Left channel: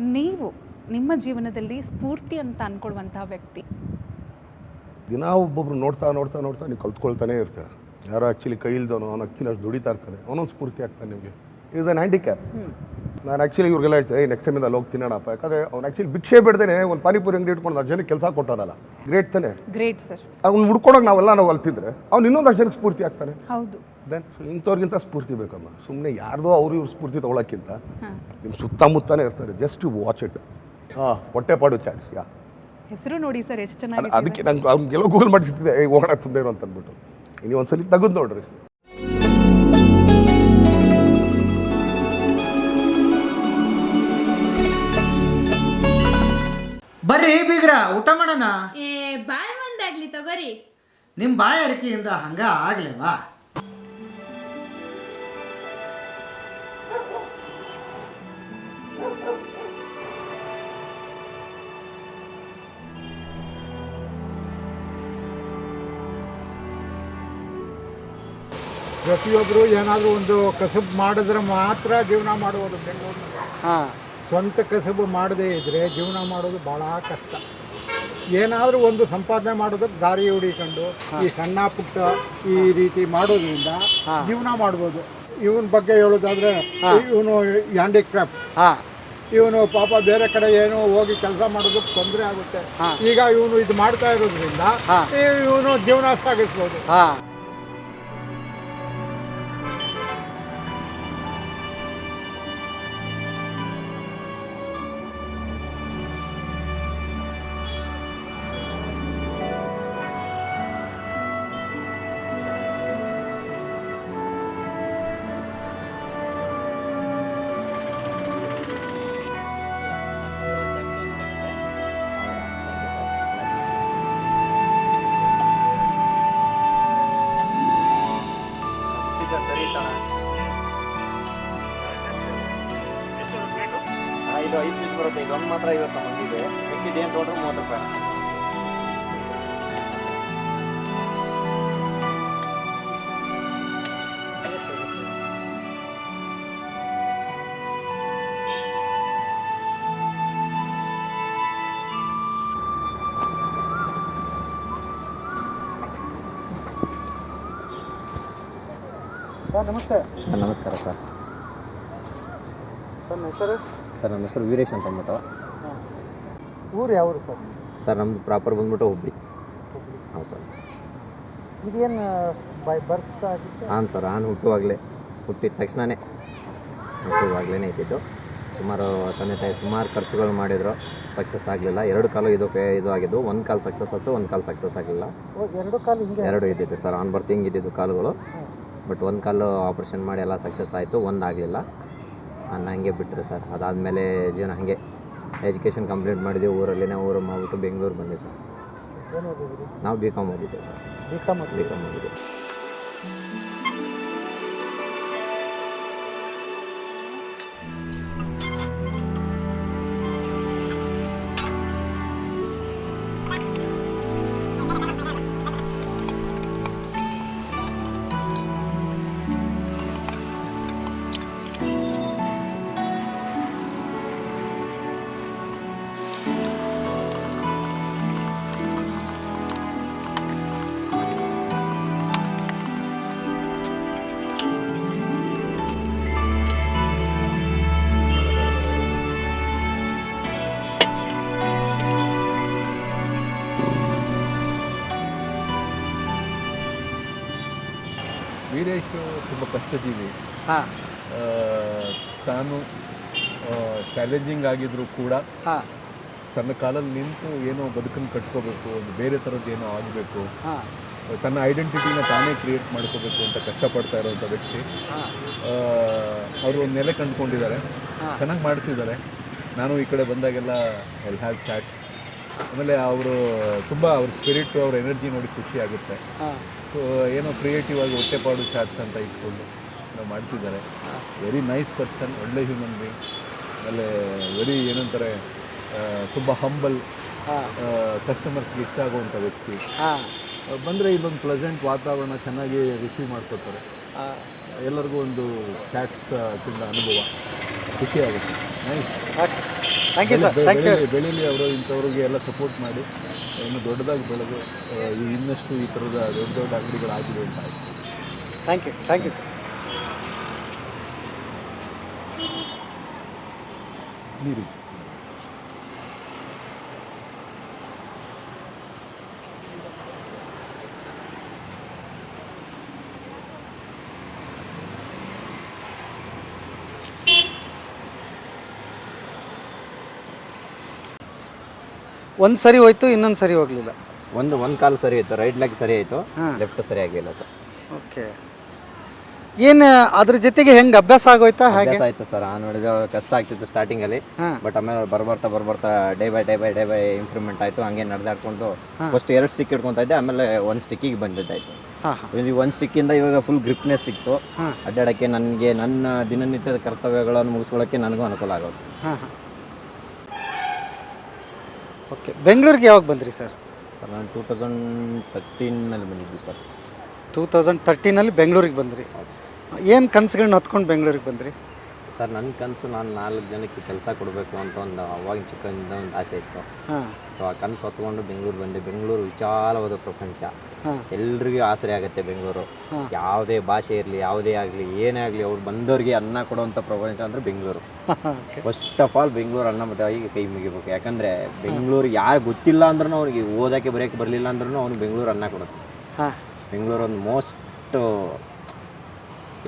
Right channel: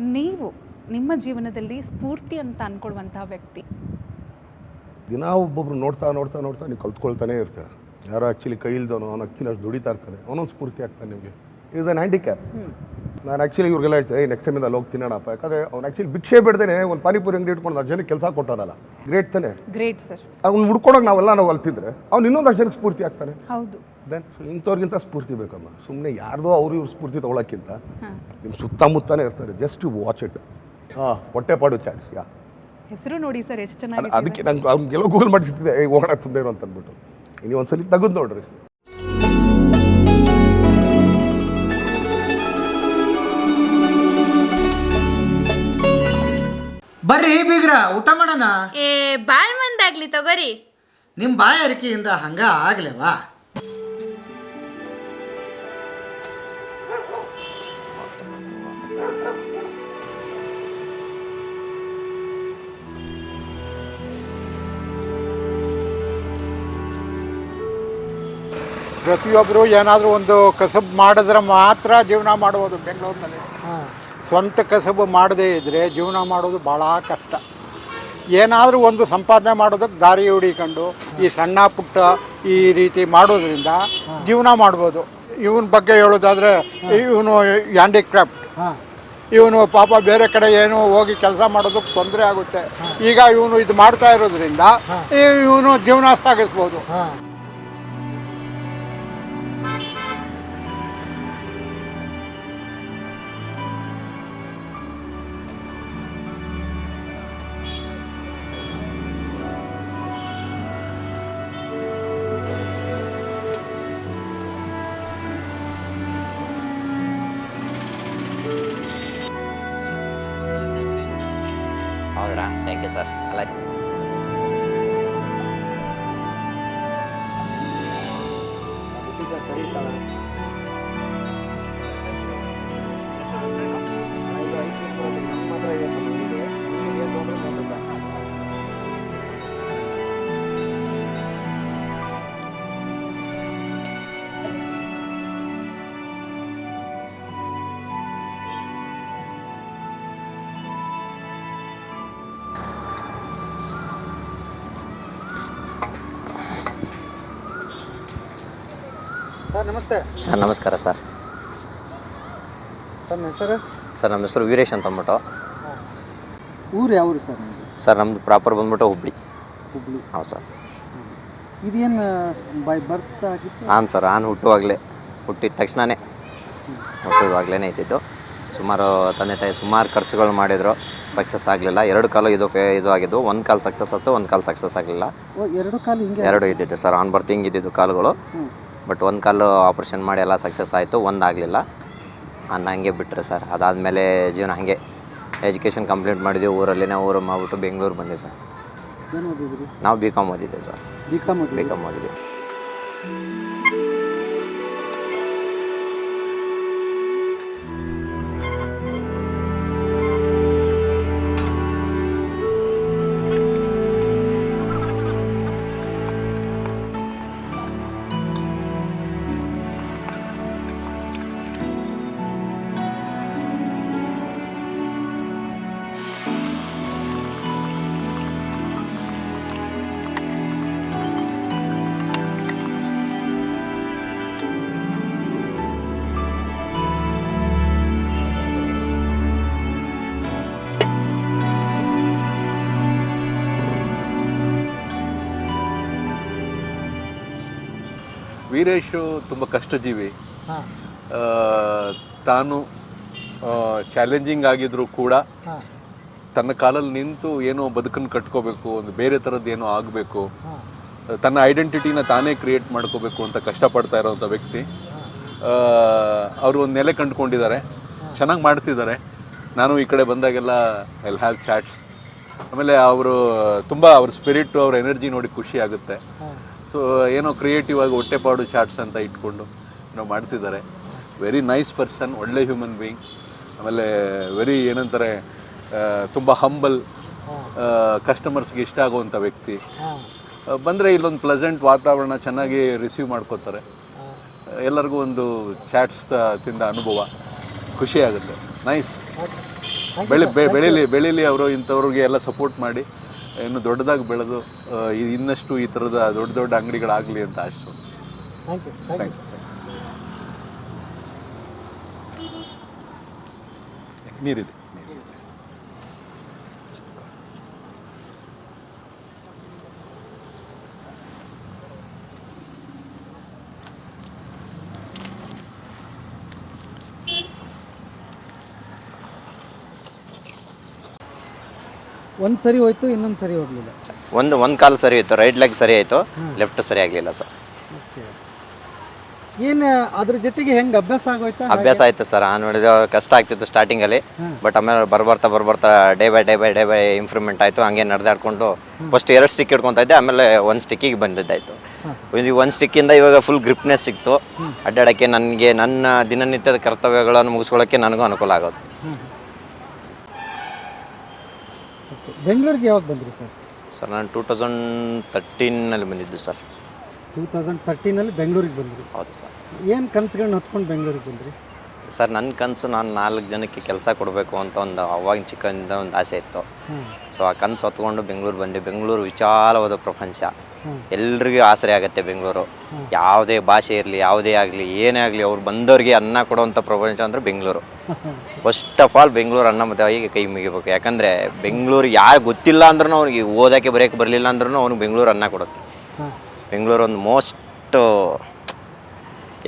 ನೀವು ನಿಮ್ಮ ಜೀವನದಲ್ಲಿ ಸ್ಫೂರ್ತಿ ಅಂತ ಅನ್ಕೊಳ್ಳುವಂತಹ ವ್ಯಕ್ತಿ. ದಿನ ಒಬ್ಬೊಬ್ರು ನೋಡ್ತಾ ನೋಡ್ತಾ ನೋಡ್ತಾ ನೀವು ಕಲ್ತ್ಕೊಳ್ತಾನೆ ಇರ್ತಾರೆ. ಯಾರೋ ಆ್ಯಕ್ಚುಲಿ ಕೈ ಇಲ್ದವನು ಅವ್ನು ಅಕ್ಕಿನಷ್ಟು ದುಡಿತಾ ಇರ್ತಾನೆ. ಅವನೊಂದು ಸ್ಫೂರ್ತಿ ಆಗ್ತಾನೆ ನಿಮಗೆ. ಈಸ್ ಅನ್ ಹ್ಯಾಂಡಿಕ್ಯಾಪ್ ನಾನು ಆ್ಯಕ್ಚುಲಿ ಇವ್ರಿಗೆಲ್ಲ ಹೇಳ್ತೇನೆ ನೆಕ್ಸ್ಟ್ ಟೈಮಿಂದ ಅಲ್ಲಿ ಹೋಗಿ ತಿನ್ನೋಣಪ್ಪ. ಯಾಕಂದರೆ ಅವ್ನು ಆ್ಯಕ್ಚುಲಿ ಭಿಕ್ಷೆ ಬಿಡ್ದೇನೆ ಒಂದು ಪಾನಿಪುರಿ ಅಂಗಡಿ ಇಟ್ಕೊಂಡು ಅಷ್ಟು ಜನಕ್ಕೆ ಕೆಲಸ ಕೊಟ್ಟಾರಲ್ಲ ಗ್ರೇಟ್ ತಾನೆ? ಗ್ರೇಟ್ ಸರ್ ಅವ್ನು ಹುಡ್ಕೊಡೋಕೆ ನಾವೆಲ್ಲ ನಾವು ಅಲ್ತಿದ್ರೆ ಅವ್ನು ಇನ್ನೊಂದು ಜನಕ್ಕೆ ಸ್ಫೂರ್ತಿ ಆಗ್ತಾನೆ. ಹೌದು. ದೆನ್ ಇಂಥವ್ರಿಗಿಂತ ಸ್ಫೂರ್ತಿ ಬೇಕಮ್ಮ. ಸುಮ್ಮನೆ ಯಾರ್ದೋ ಅವ್ರು ಇವ್ರು ಸ್ಫೂರ್ತಿ ತೊಗೊಳಕ್ಕಿಂತ ನಿಮ್ಮ ಸುತ್ತಮುತ್ತಾನೆ ಇರ್ತಾರೆ. ಜಸ್ಟ್ ವಾಚ್ ಇಟ್ ಹಾಂ ಹೊಟ್ಟೆಪಾಡು ಚಾಟ್ಸ್ ಯಾ. ಹೆಸರು ನೋಡಿ ಸರ್ ಎಷ್ಟು ಚೆನ್ನಾಗಿ ಅದಕ್ಕೆ ನಂಗೆ ಅವ್ನಿಗೆಲ್ಲ ಗೂಗಲ್ ಮಾಡಿಸಿಟ್ಟಿದೆ ತುಂಬ ಅಂತ ಅಂದ್ಬಿಟ್ಟು ಇನ್ನೊಂದ್ಸಲಿ ತೆಗೆದು ನೋಡ್ರಿ. ಬರ್ರಿ ಬೀಗ್ರ ಊಟ ಮಾಡೋಣ. ಏ ಬಾಳ್ ಮಂದಾಗ್ಲಿ ತಗೋರಿ. ನಿಮ್ಮ ಬಾಯಾರಿಕೆಯಿಂದ ಹಂಗ ಆಗ್ಲೇವಾ? ಪ್ರತಿಯೊಬ್ಬರು ಏನಾದರೂ ಒಂದು ಕಸಬ್ ಮಾಡಿದ್ರೆ ಮಾತ್ರ ಜೀವನ ಮಾಡುವುದು ಬೆಂಗಳೂರಿನಲ್ಲಿ. ಹಾಂ. ಸ್ವಂತ ಕಸಬು ಮಾಡದೇ ಇದ್ದರೆ ಜೀವನ ಮಾಡೋದು ಭಾಳ ಕಷ್ಟ. ಏನಾದರೂ ಒಂದು ಸಂಪಾದನೆ ಮಾಡೋದಕ್ಕೆ ದಾರಿ ಹುಡಿಕೊಂಡು ಈ ಸಣ್ಣ ಪುಟ್ಟ ಈ ರೀತಿ ಮಾಡೋದ್ರಿಂದ ಜೀವನ ಮಾಡ್ಬೋದು. ಇವನ ಬಗ್ಗೆ ಹೇಳೋದಾದ್ರೆ ಇವನು ಹ್ಯಾಂಡಿಕ್ರಾಫ್ಟ್. ಹಾಂ. ಇವನು ಪಾಪ ಬೇರೆ ಕಡೆ ಏನೋ ಹೋಗಿ ಕೆಲಸ ಮಾಡೋದಕ್ಕೆ ತೊಂದರೆ ಆಗುತ್ತೆ. ಈಗ ಇವನು ಇದು ಮಾಡ್ತಾ ಇರೋದ್ರಿಂದ ಇವನು ಜೀವನ ಸಾಗಿಸ್ಬೋದು. ಸರ್ ನಮಸ್ತೆ. ಸರ್ ನಮಸ್ಕಾರ ಸರ್. ತಮ್ಮ ಹೆಸರು? ಸರ್ ನಮ್ಮ ಹೆಸರು ವೀರೇಶ್ ಅಂತ ಅಂದ್ಬಿಟ್ಟು ಊರು ಯಾವ್ದು ಸರ್ ಸರ್ ನಮ್ಮದು ಪ್ರಾಪರ್ ಬಂದ್ಬಿಟ್ಟು ಹುಬ್ಳಿ. ಹುಬ್ಳಿ. ಹೌದು ಸರ್. ಇದೇನು ಬೈ ಬರ್ತ್ ಆಗಿತ್ತು? ಹಾಂ ಸರ್ ಆನ್ ಹುಟ್ಟುವಾಗಲೇ. ಹುಟ್ಟಿದ ತಕ್ಷಣವೇ ಹುಟ್ಟುವಾಗಲೇ ಇದ್ದಿದ್ದು. ಸುಮಾರು ತಂದೆ ತಾಯಿ ಸುಮಾರು ಖರ್ಚುಗಳು ಮಾಡಿದ್ರು. ಸಕ್ಸಸ್ ಆಗಲಿಲ್ಲ. ಎರಡು ಕಾಲು ಇದು ಫೇ ಇದು ಆಗಿದ್ದು. ಒಂದು ಕಾಲು ಸಕ್ಸಸ್ ಆಯಿತು ಒಂದು ಕಾಲು ಸಕ್ಸಸ್ ಆಗಲಿಲ್ಲ. ಓ, ಎರಡು ಕಾಲು ಹಿಂಗೆ? ಎರಡು ಇದ್ದಿದ್ದು ಸರ್. ಆನ್ ಬರ್ತ್ ಹಿಂಗಿದ್ದಿದ್ದು ಕಾಲುಗಳು. ಹ್ಮ್. ಬಟ್ ಒಂದು ಕಾಲು ಆಪ್ರೇಷನ್ ಮಾಡಿ ಎಲ್ಲ ಸಕ್ಸಸ್ ಆಯಿತು ಒಂದು ಆಗಲಿಲ್ಲ. ಅನ್ನ ಹಂಗೆ ಬಿಟ್ಟರೆ ಸರ್. ಅದಾದಮೇಲೆ ಜೀವನ ಹಾಗೆ ಎಜುಕೇಷನ್ ಕಂಪ್ಲೀಟ್ ಮಾಡಿದ್ವಿ ಊರಲ್ಲಿನೇ ಊರು ಮಾಡ್ಬಿಟ್ಟು ಬೆಂಗಳೂರು ಬಂದ್ವಿ ಸರ್. ಏನು ಓದಿದ್ರಿ? ನಾವು B Com ಓದಿದ್ದೇವೆ sir. B Com B Com ಓದಿದ್ವಿ ವೀರೇಶು ತುಂಬ ಕಷ್ಟಜೀವಿ. ಹಾಂ. ಆ, ತಾನು ಚಾಲೆಂಜಿಂಗ್ ಆಗಿದ್ರೂ ಕೂಡ ಹಾಂ. ತನ್ನ ಕಾಲಲ್ಲಿ ನಿಂತು ಏನೋ ಬದುಕನ್ನು ಕಟ್ಕೋಬೇಕು ಒಂದು ಬೇರೆ ಥರದ್ದು ಏನೋ ಆಗಬೇಕು. ಹಾಂ. ತನ್ನ ಐಡೆಂಟಿಟಿನ ತಾನೇ ಕ್ರಿಯೇಟ್ ಮಾಡ್ಕೋಬೇಕು ಅಂತ ಕಷ್ಟಪಡ್ತಾ ಇರೋವಂಥ ವ್ಯಕ್ತಿ. ಅವರು ಒಂದು ನೆಲೆ ಕಂಡುಕೊಂಡಿದ್ದಾರೆ. ಚೆನ್ನಾಗಿ ಮಾಡ್ತಿದ್ದಾರೆ. ನಾನು ಈ ಕಡೆ ಬಂದಾಗೆಲ್ಲ ಎಲ್ ಹ್ಯಾವ್ ಚಾಟ್ಸ್ ಆಮೇಲೆ ಅವರು ತುಂಬ ಅವ್ರ ಸ್ಪಿರಿಟು ಅವ್ರ ಎನರ್ಜಿ ನೋಡಿ ಖುಷಿ ಆಗುತ್ತೆ. ಹಾಂ. ಸೊ ಏನೋ ಕ್ರಿಯೇಟಿವ್ ಆಗಿ ಹೊಟ್ಟೆಪಾಡು ಚಾಟ್ಸ್ ಅಂತ ಇಟ್ಕೊಂಡು ನಾವು ಮಾಡ್ತಿದ್ದಾರೆ. ವೆರಿ ನೈಸ್ ಪರ್ಸನ್ ಒಳ್ಳೆ ಹ್ಯೂಮನ್ ಬೀಯಿಂಗ್ ಆಮೇಲೆ ವೆರಿ ಏನಂತಾರೆ ತುಂಬ ಹಂಬಲ್ ಕಸ್ಟಮರ್ಸ್ಗೆ ಇಷ್ಟ ಆಗುವಂಥ ವ್ಯಕ್ತಿ. ಬಂದರೆ ಇಲ್ಲೊಂದು ಪ್ಲೆಸೆಂಟ್ ವಾತಾವರಣ ಚೆನ್ನಾಗಿ ರಿಸೀವ್ ಮಾಡ್ಕೋತಾರೆ. ಎಲ್ಲರಿಗೂ ಒಂದು ಚಾಟ್ಸ್ ತಿಂದ ಅನುಭವ. ಖುಷಿ ಆಗುತ್ತೆ. ನೈಸ್ ಬೆಳಿ. ಬೆಳೀಲಿ ಬೆಳೀಲಿ ಅವರು ಇಂಥವ್ರಿಗೆ ಎಲ್ಲ ಸಪೋರ್ಟ್ ಮಾಡಿ. ಇನ್ನು ದೊಡ್ಡದಾಗಿ ಬೆಳೆದು ಇನ್ನಷ್ಟು ಈ ಥರದ ದೊಡ್ಡ ದೊಡ್ಡ ಅಂಗಡಿಗಳಾಗಲಿ ಅಂತ ಆಶೆ thank you thank you sir ನೀರಿದೆ. ಒಂದು ಸರಿ ಹೋಯ್ತು ಇನ್ನೊಂದು ಸರಿ ಹೋಗಲಿಲ್ಲ. ಒಂದು ಒಂದು ಕಾಲು ಸರಿ ಹೋಯ್ತು. ರೈಟ್ ಲೆಗ್ ಸರಿ ಆಯಿತು. ಲೆಫ್ಟ್ ಸರಿ ಆಗಲಿಲ್ಲ ಸರ್ ಓಕೆ. ಏನು ಅದ್ರ ಜೊತೆಗೆ ಹೆಂಗೆ ಅಭ್ಯಾಸ ಆಗೋಯ್ತಾ ಅಭ್ಯಾಸ ಆಯ್ತು ಸರ್ ನೋಡಿದ ಕಷ್ಟ ಆಗ್ತಿತ್ತು ಸ್ಟಾರ್ಟಿಂಗಲ್ಲಿ. ಬಟ್ ಆಮೇಲೆ ಬರ್ಬರ್ತಾ ಬರ್ಬರ್ತಾ day by day day by day improvement ಆಯಿತು. ಹಂಗೆ ನಡೆದಾಡ್ಕೊಂಡು ಫಸ್ಟ್ ಎರಡು ಸ್ಟಿಕ್ ಹಿಡ್ಕೊತಾ ಇದ್ದೆ ಆಮೇಲೆ ಒಂದು ಸ್ಟಿಕ್ಕಿಗೆ ಬಂದಿದ್ದಾಯಿತು. ಒಂದು ಸ್ಟಿಕ್ಕಿಂದ ಇವಾಗ ಫುಲ್ ಗ್ರಿಪ್ನೆಸ್ ಸಿಕ್ತು. ಅಡ್ಡಾಡೋಕ್ಕೆ ನನಗೆ ನನ್ನ ದಿನನಿತ್ಯದ ಕರ್ತವ್ಯಗಳನ್ನು ಮುಗಿಸ್ಕೊಳ್ಳೋಕ್ಕೆ ನನಗೂ ಅನುಕೂಲ ಆಗೋದು. ಓಕೆ. ಬೆಂಗಳೂರಿಗೆ ಯಾವಾಗ ಬಂದ್ರಿ ಸರ್? ಸರ್ ನಾನು ಟೂ ತೌಸಂಡ್ ತರ್ಟೀನಲ್ಲಿ ಬಂದಿದ್ದು ಸರ್. ಟೂ ತೌಸಂಡ್ ತರ್ಟೀನಲ್ಲಿ ಬೆಂಗಳೂರಿಗೆ ಬಂದ್ರಿ. ಹೌದು ಸರ್. ಏನು ಕನಸುಗಳನ್ನ ಹೊತ್ಕೊಂಡು ಬೆಂಗಳೂರಿಗೆ ಬಂದ್ರಿ? ಸರ್ ನನ್ನ ಕನಸು ನಾನು ನಾಲ್ಕು ಜನಕ್ಕೆ ಕೆಲಸ ಕೊಡಬೇಕು ಅಂತ ಒಂದು ಅವಾಗಿನ ಚಿಕ್ಕಂದ ಒಂದು ಆಸೆ ಇತ್ತು. ಹಾಂ. ಸೊ ಆ ಕನಸು ಹೊತ್ಕೊಂಡು ಬೆಂಗಳೂರು ಬಂದೆ ಬೆಂಗಳೂರು ವಿಶಾಲವಾದ ಪ್ರಪಂಚ. ಎಲ್ರಿಗೂ ಆಸರೆ ಆಗುತ್ತೆ ಬೆಂಗಳೂರು. ಯಾವುದೇ ಭಾಷೆ ಇರಲಿ ಯಾವುದೇ ಆಗಲಿ ಏನೇ ಆಗಲಿ ಅವ್ರು ಬಂದವ್ರಿಗೆ ಅನ್ನ ಕೊಡುವಂಥ ಪ್ರಪಂಚ ಅಂದರೆ Bengaluru. First of all Bengaluru ಅನ್ನ ಮತ್ತು ಅವರಿಗೆ ಕೈ ಮುಗಿಬೇಕು. ಯಾಕಂದರೆ ಬೆಂಗಳೂರು ಯಾರು ಗೊತ್ತಿಲ್ಲ ಅಂದ್ರೂ ಅವ್ನಿಗೆ ಓದೋಕ್ಕೆ ಬರೆಯೋಕ್ಕೆ ಬರಲಿಲ್ಲ ಅಂದ್ರೂ ಅವ್ನಿಗೆ ಬೆಂಗಳೂರು ಅನ್ನ ಕೊಡುತ್ತೆ. ಬೆಂಗಳೂರು ಒಂದು ಮೋಸ್ಟ್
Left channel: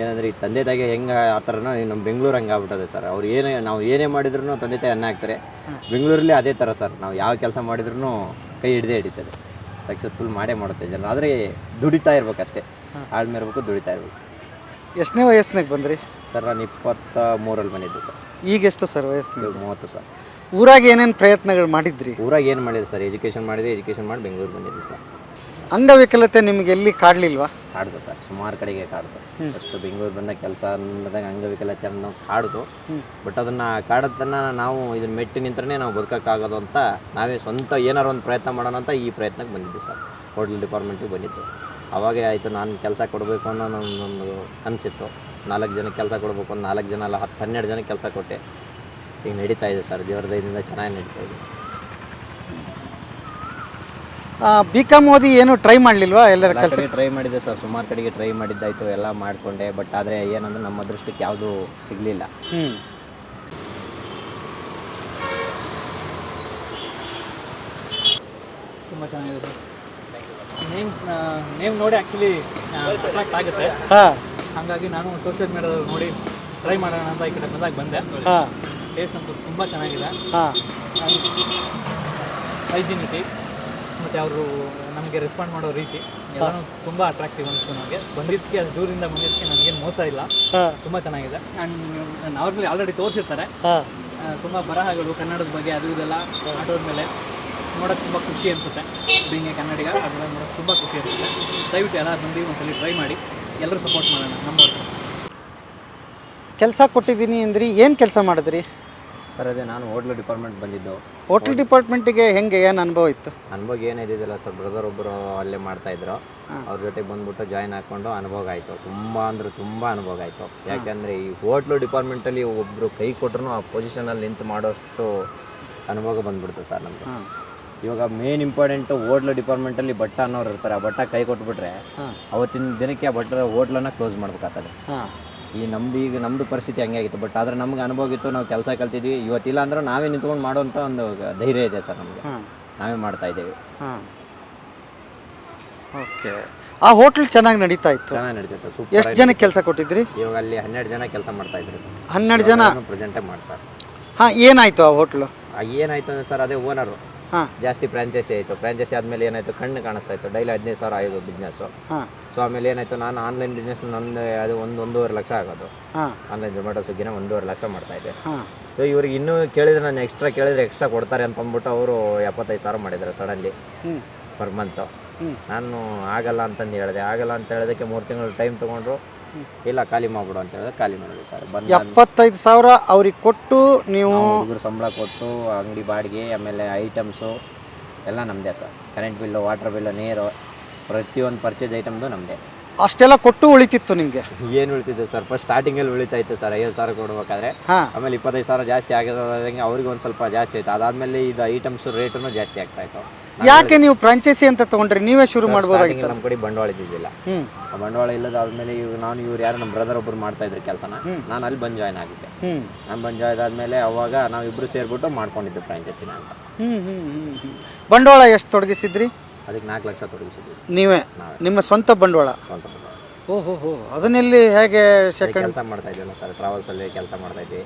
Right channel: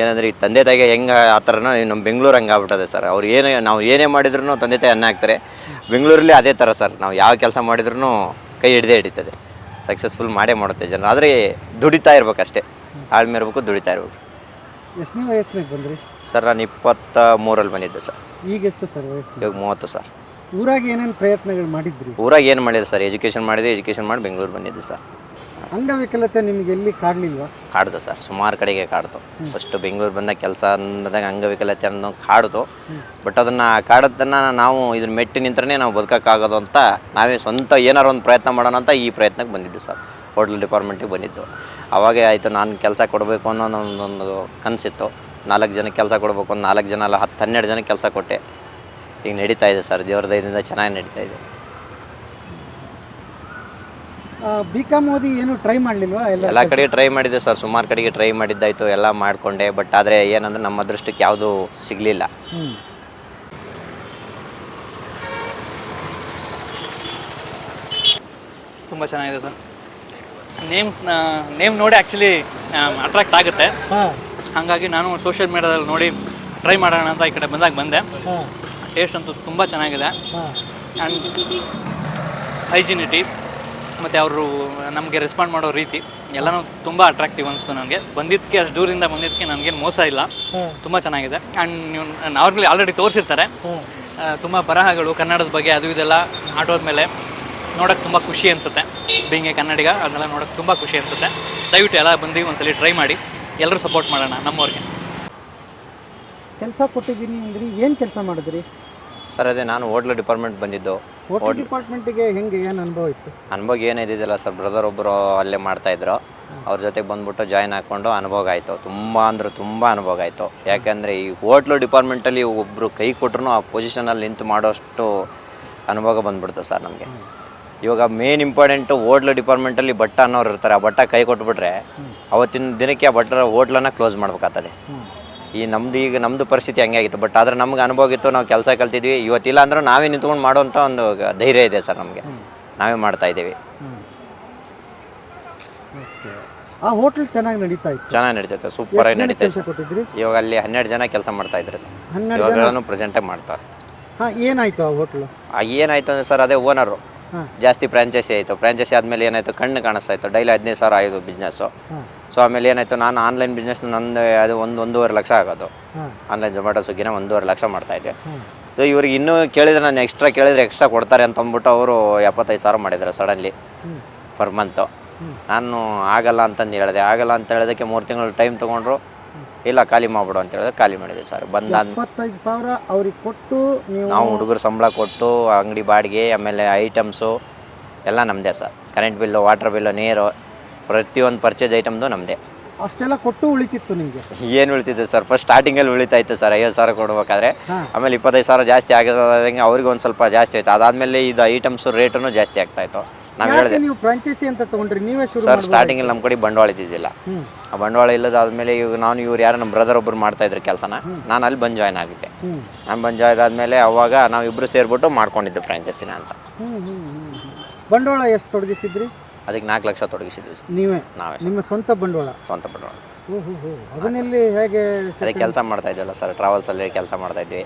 ಏನಂದ್ರೆ ಈ ತಂದೆ ತಾಯಿಗೆ ಹೆಂಗೆ ಆ ಥರನೋ ನಮ್ಮ ಬೆಂಗಳೂರು ಹಂಗೆ ಆಗ್ಬಿಟ್ಟದೆ ಸರ್. ಅವ್ರು ಏನೇ ನಾವು ಏನೇ ಮಾಡಿದ್ರು ತಂದೆ ತಾಯಿ ಅನ್ನ ಹಾಕ್ತಾರೆ. ಬೆಂಗಳೂರಲ್ಲಿ ಅದೇ ಥರ ಸರ್. ನಾವು ಯಾವ ಕೆಲಸ ಮಾಡಿದ್ರು ಕೈ ಹಿಡ್ದೇ ಹಿಡಿತದೆ. ಸಕ್ಸಸ್ಫುಲ್ ಮಾಡೇ ಮಾಡುತ್ತೆ ಜನ. ಆದರೆ ದುಡಿತಾ ಇರ್ಬೇಕಷ್ಟೇ. ಆಳ್ಮೆ ಇರಬೇಕು ದುಡಿತಾ ಇರ್ಬೇಕು. ಎಷ್ಟನೇ ವಯಸ್ಸಿನಾಗ ಬಂದ್ರಿ? ಸರ್ ನಾನು ಇಪ್ಪತ್ತ ಮೂರಲ್ಲಿ ಬಂದಿದ್ದೆ ಸರ್. ಈಗ ಎಷ್ಟು ಸರ್ ವಯಸ್ಸು ಇವಾಗ ಮೂವತ್ತು ಸರ್. ಊರಾಗ ಏನೇನು ಪ್ರಯತ್ನಗಳು ಮಾಡಿದ್ರಿ? ಊರಾಗ ಏನು ಮಾಡಿದೆ ಸರ್? ಎಜುಕೇಷನ್ ಮಾಡಿದೆ ಎಜುಕೇಷನ್ ಮಾಡಿ ಬೆಂಗಳೂರು ಬಂದಿದ್ದೆ ಸರ್. ಅಂಗವಿಕಲತೆ ನಿಮಗೆ ಎಲ್ಲಿ ಕಾಡ್ಲಿಲ್ವಾ? ಕಾಡ್ದು ಸರ್ ಸುಮಾರು ಕಡೆಗೆ ಕಾಡ್ತು ಫಸ್ಟ್ ಬೆಂಗಳೂರು ಬಂದ ಕೆಲಸ ಅಂದಾಗ ಅಂಗವಿಕಲತೆ ಅನ್ನೋ ಕಾಡ್ತು ಬಟ್ ಅದನ್ನು ಕಾಡೋದನ್ನ ನಾವು ಇದನ್ನ ಮೆಟ್ಟಿ ನಿಂತ್ರನೇ ನಾವು ಬದುಕೋಕ್ಕಾಗೋದು ಅಂತ ನಾವೇ ಸ್ವಂತ ಏನಾರು ಒಂದು ಪ್ರಯತ್ನ ಮಾಡೋಣ ಅಂತ ಈ ಪ್ರಯತ್ನಕ್ಕೆ ಬಂದಿದ್ದು ಸರ್. ಹೋಟ್ಲ್ ಡಿಪಾರ್ಟ್ಮೆಂಟಿಗೆ ಬಂದಿದ್ದು. ಅವಾಗೇ ಆಯಿತು ನಾನು ಕೆಲಸ ಕೊಡಬೇಕು ಅನ್ನೋ ಒಂದು ಕನಸಿತ್ತು. ನಾಲ್ಕು ಜನಕ್ಕೆ ಕೆಲಸ ಕೊಡಬೇಕು ಒಂದು ನಾಲ್ಕು ಜನ ಅಲ್ಲ ಹತ್ತು ಹನ್ನೆರಡು ಜನಕ್ಕೆ ಕೆಲಸ ಕೊಟ್ಟೆ. ಈಗ ನಡೀತಾ ಇದೆ ಸರ್ ದೇವ್ರ ದಯದಿಂದ ಚೆನ್ನಾಗಿ ನಡೀತಾ ಇದೆ. ಬಿ ಕಾಮ್ ಓದಿ ಏನು ಟ್ರೈ ಮಾಡಲಿಲ್ವಾ ಎಲ್ಲ ಕಡೆ ಕಡೆಗೆ ಟ್ರೈ ಮಾಡಿದ್ದೆ ಸರ್ ಸುಮಾರು ಕಡೆಗೆ ಟ್ರೈ ಮಾಡಿದ್ದಾಯ್ತು ಎಲ್ಲ ಮಾಡಿಕೊಂಡೆ ಬಟ್ ಆದರೆ ಏನಂದ್ರೆ ನಮ್ಮ ಅದೃಷ್ಟಕ್ಕೆ ಯಾವುದು ಸಿಗಲಿಲ್ಲ. ತುಂಬ ಚೆನ್ನಾಗಿದೆ ಸರ್. ನೇಮ್ ನೇಮ್ ನೋಡಿ ಆ್ಯಕ್ಚುಲಿ ಅಟ್ರಾಕ್ಟ್ ಆಗುತ್ತೆ. ಹಾಂ. ಹಾಗಾಗಿ ನಾನು ಸೋಷಿಯಲ್ ಮೀಡಿಯಾದಲ್ಲಿ ನೋಡಿ ಟ್ರೈ ಮಾಡೋಣ ಅಂತ ಈ ಕಡೆ ಬಂದಾಗ ಬಂದೆ. ಹಾಂ. ಟೇಸ್ಟ್ ಅಂತೂ ತುಂಬ ಚೆನ್ನಾಗಿದೆ. ಆ್ಯಂಡ್ ಹೈಜಿನಿಟಿ ಮತ್ತು ಅವರು ನಮಗೆ ರೆಸ್ಪಾಂಡ್ ಮಾಡೋ ರೀತಿ ಎಲ್ಲನೂ ತುಂಬ ಅಟ್ರಾಕ್ಟಿವ್ ಅನಿಸ್ತು ನನಗೆ. ಬಂದಿದ್ದಕ್ಕೆ ಅಷ್ಟು ದೂರದಿಂದ ಬಂದಿದ್ದಕ್ಕೆ ನನಗೇನು ಮೋಸ ಇಲ್ಲ. ತುಂಬ ಚೆನ್ನಾಗಿದೆ. ಆ್ಯಂಡ್ ನೀವು ನಾರ್ಮಲಿ ಆಲ್ರೆಡಿ ತೋರಿಸಿರ್ತಾರೆ. ತುಂಬ ಬರಹಗಳು ಕನ್ನಡದ ಬಗ್ಗೆ ಅದು ಇದೆಲ್ಲ ಆಟೋದ ಮೇಲೆ ನೋಡೋಕ್ಕೆ ತುಂಬ ಖುಷಿ ಅನಿಸುತ್ತೆ. ಬೀಂಗ್ ಎ ಕನ್ನಡಿಗ ಅದನ್ನೆಲ್ಲ ನೋಡೋಕ್ಕೆ ತುಂಬ ಖುಷಿ ಅನಿಸುತ್ತೆ. ದಯವಿಟ್ಟು ಎಲ್ಲ ಬಂದು ಒಂದ್ಸಲಿ ಟ್ರೈ ಮಾಡಿ. ಎಲ್ಲರೂ ಸಪೋರ್ಟ್ ಮಾಡೋಣ ನಮ್ಮವ್ರಿಗೆ. ಕೆಲಸ ಕೊಟ್ಟಿದ್ದೀನಿ ಅಂದ್ರಿ ಏನು ಕೆಲಸ ಮಾಡಿದ್ರಿ? ಸರ್ ಅದೇ ನಾನು ಹೋಟ್ಲ್ ಡಿಪಾರ್ಟ್ಮೆಂಟ್ ಬಂದಿದ್ದು. ಹೋಟೆಲ್ ಡಿಪಾರ್ಟ್ಮೆಂಟಿಗೆ ಹೆಂಗೆ ಏನು ಅನುಭವ ಇತ್ತು? ಅನುಭವ ಏನಿದ್ದಿಲ್ಲ ಸರ್ ಬ್ರದರ್ ಒಬ್ಬರು ಅಲ್ಲೇ ಮಾಡ್ತಾ ಇದ್ರು. ಅವ್ರ ಜೊತೆ ಬಂದ್ಬಿಟ್ಟು ಜಾಯ್ನ್ ಹಾಕೊಂಡು ಅನುಭವ ಆಯಿತು. ತುಂಬ ಅಂದ್ರೆ ತುಂಬ ಅನುಭವ ಆಯಿತು. ಯಾಕೆಂದರೆ ಈ ಹೋಟ್ಲು ಡಿಪಾರ್ಟ್ಮೆಂಟಲ್ಲಿ ಒಬ್ಬರು ಕೈ ಕೊಟ್ರು ಆ ಪೊಸಿಷನಲ್ಲಿ ನಿಂತು ಮಾಡೋಷ್ಟು ಅನುಭವ ಬಂದ್ಬಿಡ್ತು ಸರ್ ನಮಗೆ. ಇವಾಗ ಮೇನ್ ಇಂಪಾರ್ಟೆಂಟು ಹೋಟ್ಲು ಡಿಪಾರ್ಟ್ಮೆಂಟಲ್ಲಿ ಬಟ್ಟ ಅನ್ನೋರು ಇರ್ತಾರೆ. ಆ ಬಟ್ಟ ಕೈ ಕೊಟ್ಬಿಟ್ರೆ ಅವತ್ತಿನ ದಿನಕ್ಕೆ ಆ ಬಟ್ಟರ ಹೋಟ್ಲನ್ನು ಕ್ಲೋಸ್ ಮಾಡ್ಬೇಕಾಗ್ತದೆ. ಈ ನಮ್ದು ಈಗ ನಮ್ಮದು ಪರಿಸ್ಥಿತಿ ಹಂಗೆ ಆಗಿತ್ತು. ಬಟ್ ಆದ್ರೆ ನಮ್ಗೆ ಅನುಭವ ಇತ್ತು ನಾವು ಕೆಲಸ ಕಲ್ತಿದ್ವಿ. ಇವತ್ತಿಲ್ಲ ಅಂದ್ರೆ ನಾವೇ ನಿಂತ್ಕೊಂಡು ಮಾಡುವಂಥ ಒಂದು ಧೈರ್ಯ ಇದೆ ಸರ್ ನಮಗೆ. ನಾವೇ ಮಾಡ್ತಾ ಇದ್ದೀವಿ. ಓಕೆ. ಆ ಹೋಟ್ಲ್ ಚೆನ್ನಾಗಿ ನಡೀತಾ ಇತ್ತು? ಚೆನ್ನಾಗಿ ನಡೀತಾ ಎಷ್ಟು ಸೂಪರ್ ಜನ ಕೆಲಸ ಕೊಟ್ಟಿದ್ರಿ? ಇವಾಗ ಅಲ್ಲಿ ಹನ್ನೆರಡು ಜನ ಕೆಲಸ ಮಾಡ್ತಾ ಇದ್ದಾರೆ ಸರ್. ಹನ್ನೆರಡು ಜನ? ಪ್ರೆಸೆಂಟೇ ಮಾಡ್ತಾರೆ. ಹಾಂ ಏನಾಯ್ತು ಆ ಹೋಟ್ಲು? ಆ ಏನಾಯ್ತು ಅಂದ್ರೆ ಸರ್ ಅದೇ ಓನರು ಜಾಸ್ತಿ ಫ್ರಾಂಚೈಸಿ ಆಯಿತು. ಫ್ರಾಂಚೈಸಿ ಆದಮೇಲೆ ಏನಾಯಿತು? ಕಣ್ಣು ಕಾಣಿಸ್ತಾ ಇತ್ತು. ಡೈಲಿ ಹದಿನೈದು ಸಾವಿರ ಆಯಿತು ಬಿಸ್ನೆಸ್ಸು ಸೊ ಆಮೇಲೆ ಏನಾಯಿತು? ನಾನು ಆನ್ಲೈನ್ ಬಿಸ್ನೆಸ್ ನಂದು ಅದು ಒಂದು ಒಂದೂವರೆ ಲಕ್ಷ ಆಗೋದು. ಆನ್ಲೈನ್ ಜೊಮ್ಯಾಟೊ ಸ್ವಿಗ್ಗಿನ ಒಂದೂವರೆ ಲಕ್ಷ ಮಾಡ್ತಾ ಇದ್ದೆ. ಸೊ ಇವ್ರಿಗೆ ಇನ್ನೂ ಕೇಳಿದ್ರೆ ನಾನು ಎಕ್ಸ್ಟ್ರಾ ಕೇಳಿದ್ರೆ ಎಕ್ಸ್ಟ್ರಾ ಕೊಡ್ತಾರೆ ಅಂತ ಅಂದ್ಬಿಟ್ಟು ಅವರು ಎಪ್ಪತ್ತೈದು ಸಾವಿರ ಮಾಡಿದ್ದಾರೆ ಸಡನ್ಲಿ ಪರ್ ಮಂತು ನಾನು ಆಗಲ್ಲ ಅಂತಂದು ಹೇಳಿದೆ. ಆಗಲ್ಲ ಅಂತ ಹೇಳೋದಕ್ಕೆ ಮೂರು ತಿಂಗಳು ಟೈಮ್ ತೊಗೊಂಡ್ರು. ಇಲ್ಲ ಖಾಲಿ ಮಾಡ್ಬಿಡು ಅಂತ ಹೇಳಿದ್ರೆ ಖಾಲಿ ಮಾಡಿದೆ ಸರ್. ಬಂದ ಇಪ್ಪತ್ತೈದು ಸಾವಿರ ಅವ್ರಿಗೆ ಕೊಟ್ಟು ನೀವು ನಾವು ಹುಡುಗರು ಸಂಬಳ ಕೊಟ್ಟು ಅಂಗಡಿ ಬಾಡಿಗೆ ಆಮೇಲೆ ಐಟಮ್ಸು ಎಲ್ಲ ನಮ್ಮದೇ sir. Current bill water bill ನೀರು ಪ್ರತಿಯೊಂದು ಪರ್ಚೇಸ್ ಐಟಮ್ದು ನಮ್ಮದೇ ಅಷ್ಟೆಲ್ಲ ಕೊಟ್ಟು ಉಳಿತಿತ್ತು ನಿಮಗೆ? ಏನು ಉಳಿತಿದೆ ಸರ್? ಫಸ್ಟ್ ಸ್ಟಾರ್ಟಿಂಗಲ್ಲಿ ಉಳಿತಾ ಇತ್ತು ಸರ್ ಐವತ್ತು ಸಾವಿರ ಕೊಡ್ಬೇಕಾದ್ರೆ. ಆಮೇಲೆ ಇಪ್ಪತ್ತೈದು ಸಾವಿರ ಜಾಸ್ತಿ ಆಗಿದೆ ಅವ್ರಿಗೆ ಒಂದು ಸ್ವಲ್ಪ ಜಾಸ್ತಿ ಆಯ್ತು. ಅದಾದಮೇಲೆ ಇದು ಐಟಮ್ಸ್ ರೇಟನ್ನು ಜಾಸ್ತಿ ಆಗ್ತಾ ಇತ್ತು. ಯಾಕೆ ನೀವು ಫ್ರಾಂಚೈಸಿ ಅಂತ ತಗೊಂಡ್ರಿ? ನೀವೇ ಶುರು ಸ್ಟಾರ್ಟಿಂಗ್ ಮಾಡ್ಬೋದು ನಮ್ಮ ಕಡೆ ಬಂಡವಾಳ ಇದ್ದಿದ್ದಿಲ್ಲ. ಆ ಬಂಡವಾಳ ಇಲ್ಲದಾದ್ಮೇಲೆ ಇವಾಗ ನಾನು ಇವ್ರು ಯಾರು ನಮ್ಮ ಬ್ರದರ್ ಒಬ್ಬರು ಮಾಡ್ತಾ ಇದ್ರು ಕೆಲಸನ. ನಾನು ಅಲ್ಲಿ ಬಂದು ಜಾಯ್ನ್ ಆಗಿದ್ದೆ. ನಾನು ಬಂದು ಜಾಯ್ನ್ ಆದ್ಮೇಲೆ ಅವಾಗ ನಾವು ಇಬ್ರು ಸೇರ್ಬಿಟ್ಟು ಮಾಡ್ಕೊಂಡಿದ್ದೆ ಫ್ರಾಂಚೈಸಿನ ಅಂತ. ಬಂಡವಾಳ ಎಷ್ಟು ತೊಡಗಿಸಿದ್ರಿ? ಅದಕ್ಕೆ ನಾಲ್ಕು ಲಕ್ಷ ತೊಡಗಿಸಿದ್ವಿ ನೀವೇ? ನಾವೇ ನಿಮ್ಮ ಸ್ವಂತ ಬಂಡವಾಳ? ಸ್ವಂತ ಬಂಡವಾಳ. ಓಹೋ ಅದನ್ನೆಲ್ಲಿ ಹೇಗೆ ಕೆಲಸ ಮಾಡ್ತಾ ಇದ್ದಲ್ಲ ಸರ್. ಟ್ರಾವೆಲ್ಸಲ್ಲಿ ಕೆಲಸ ಮಾಡ್ತಾ ಇದ್ವಿ.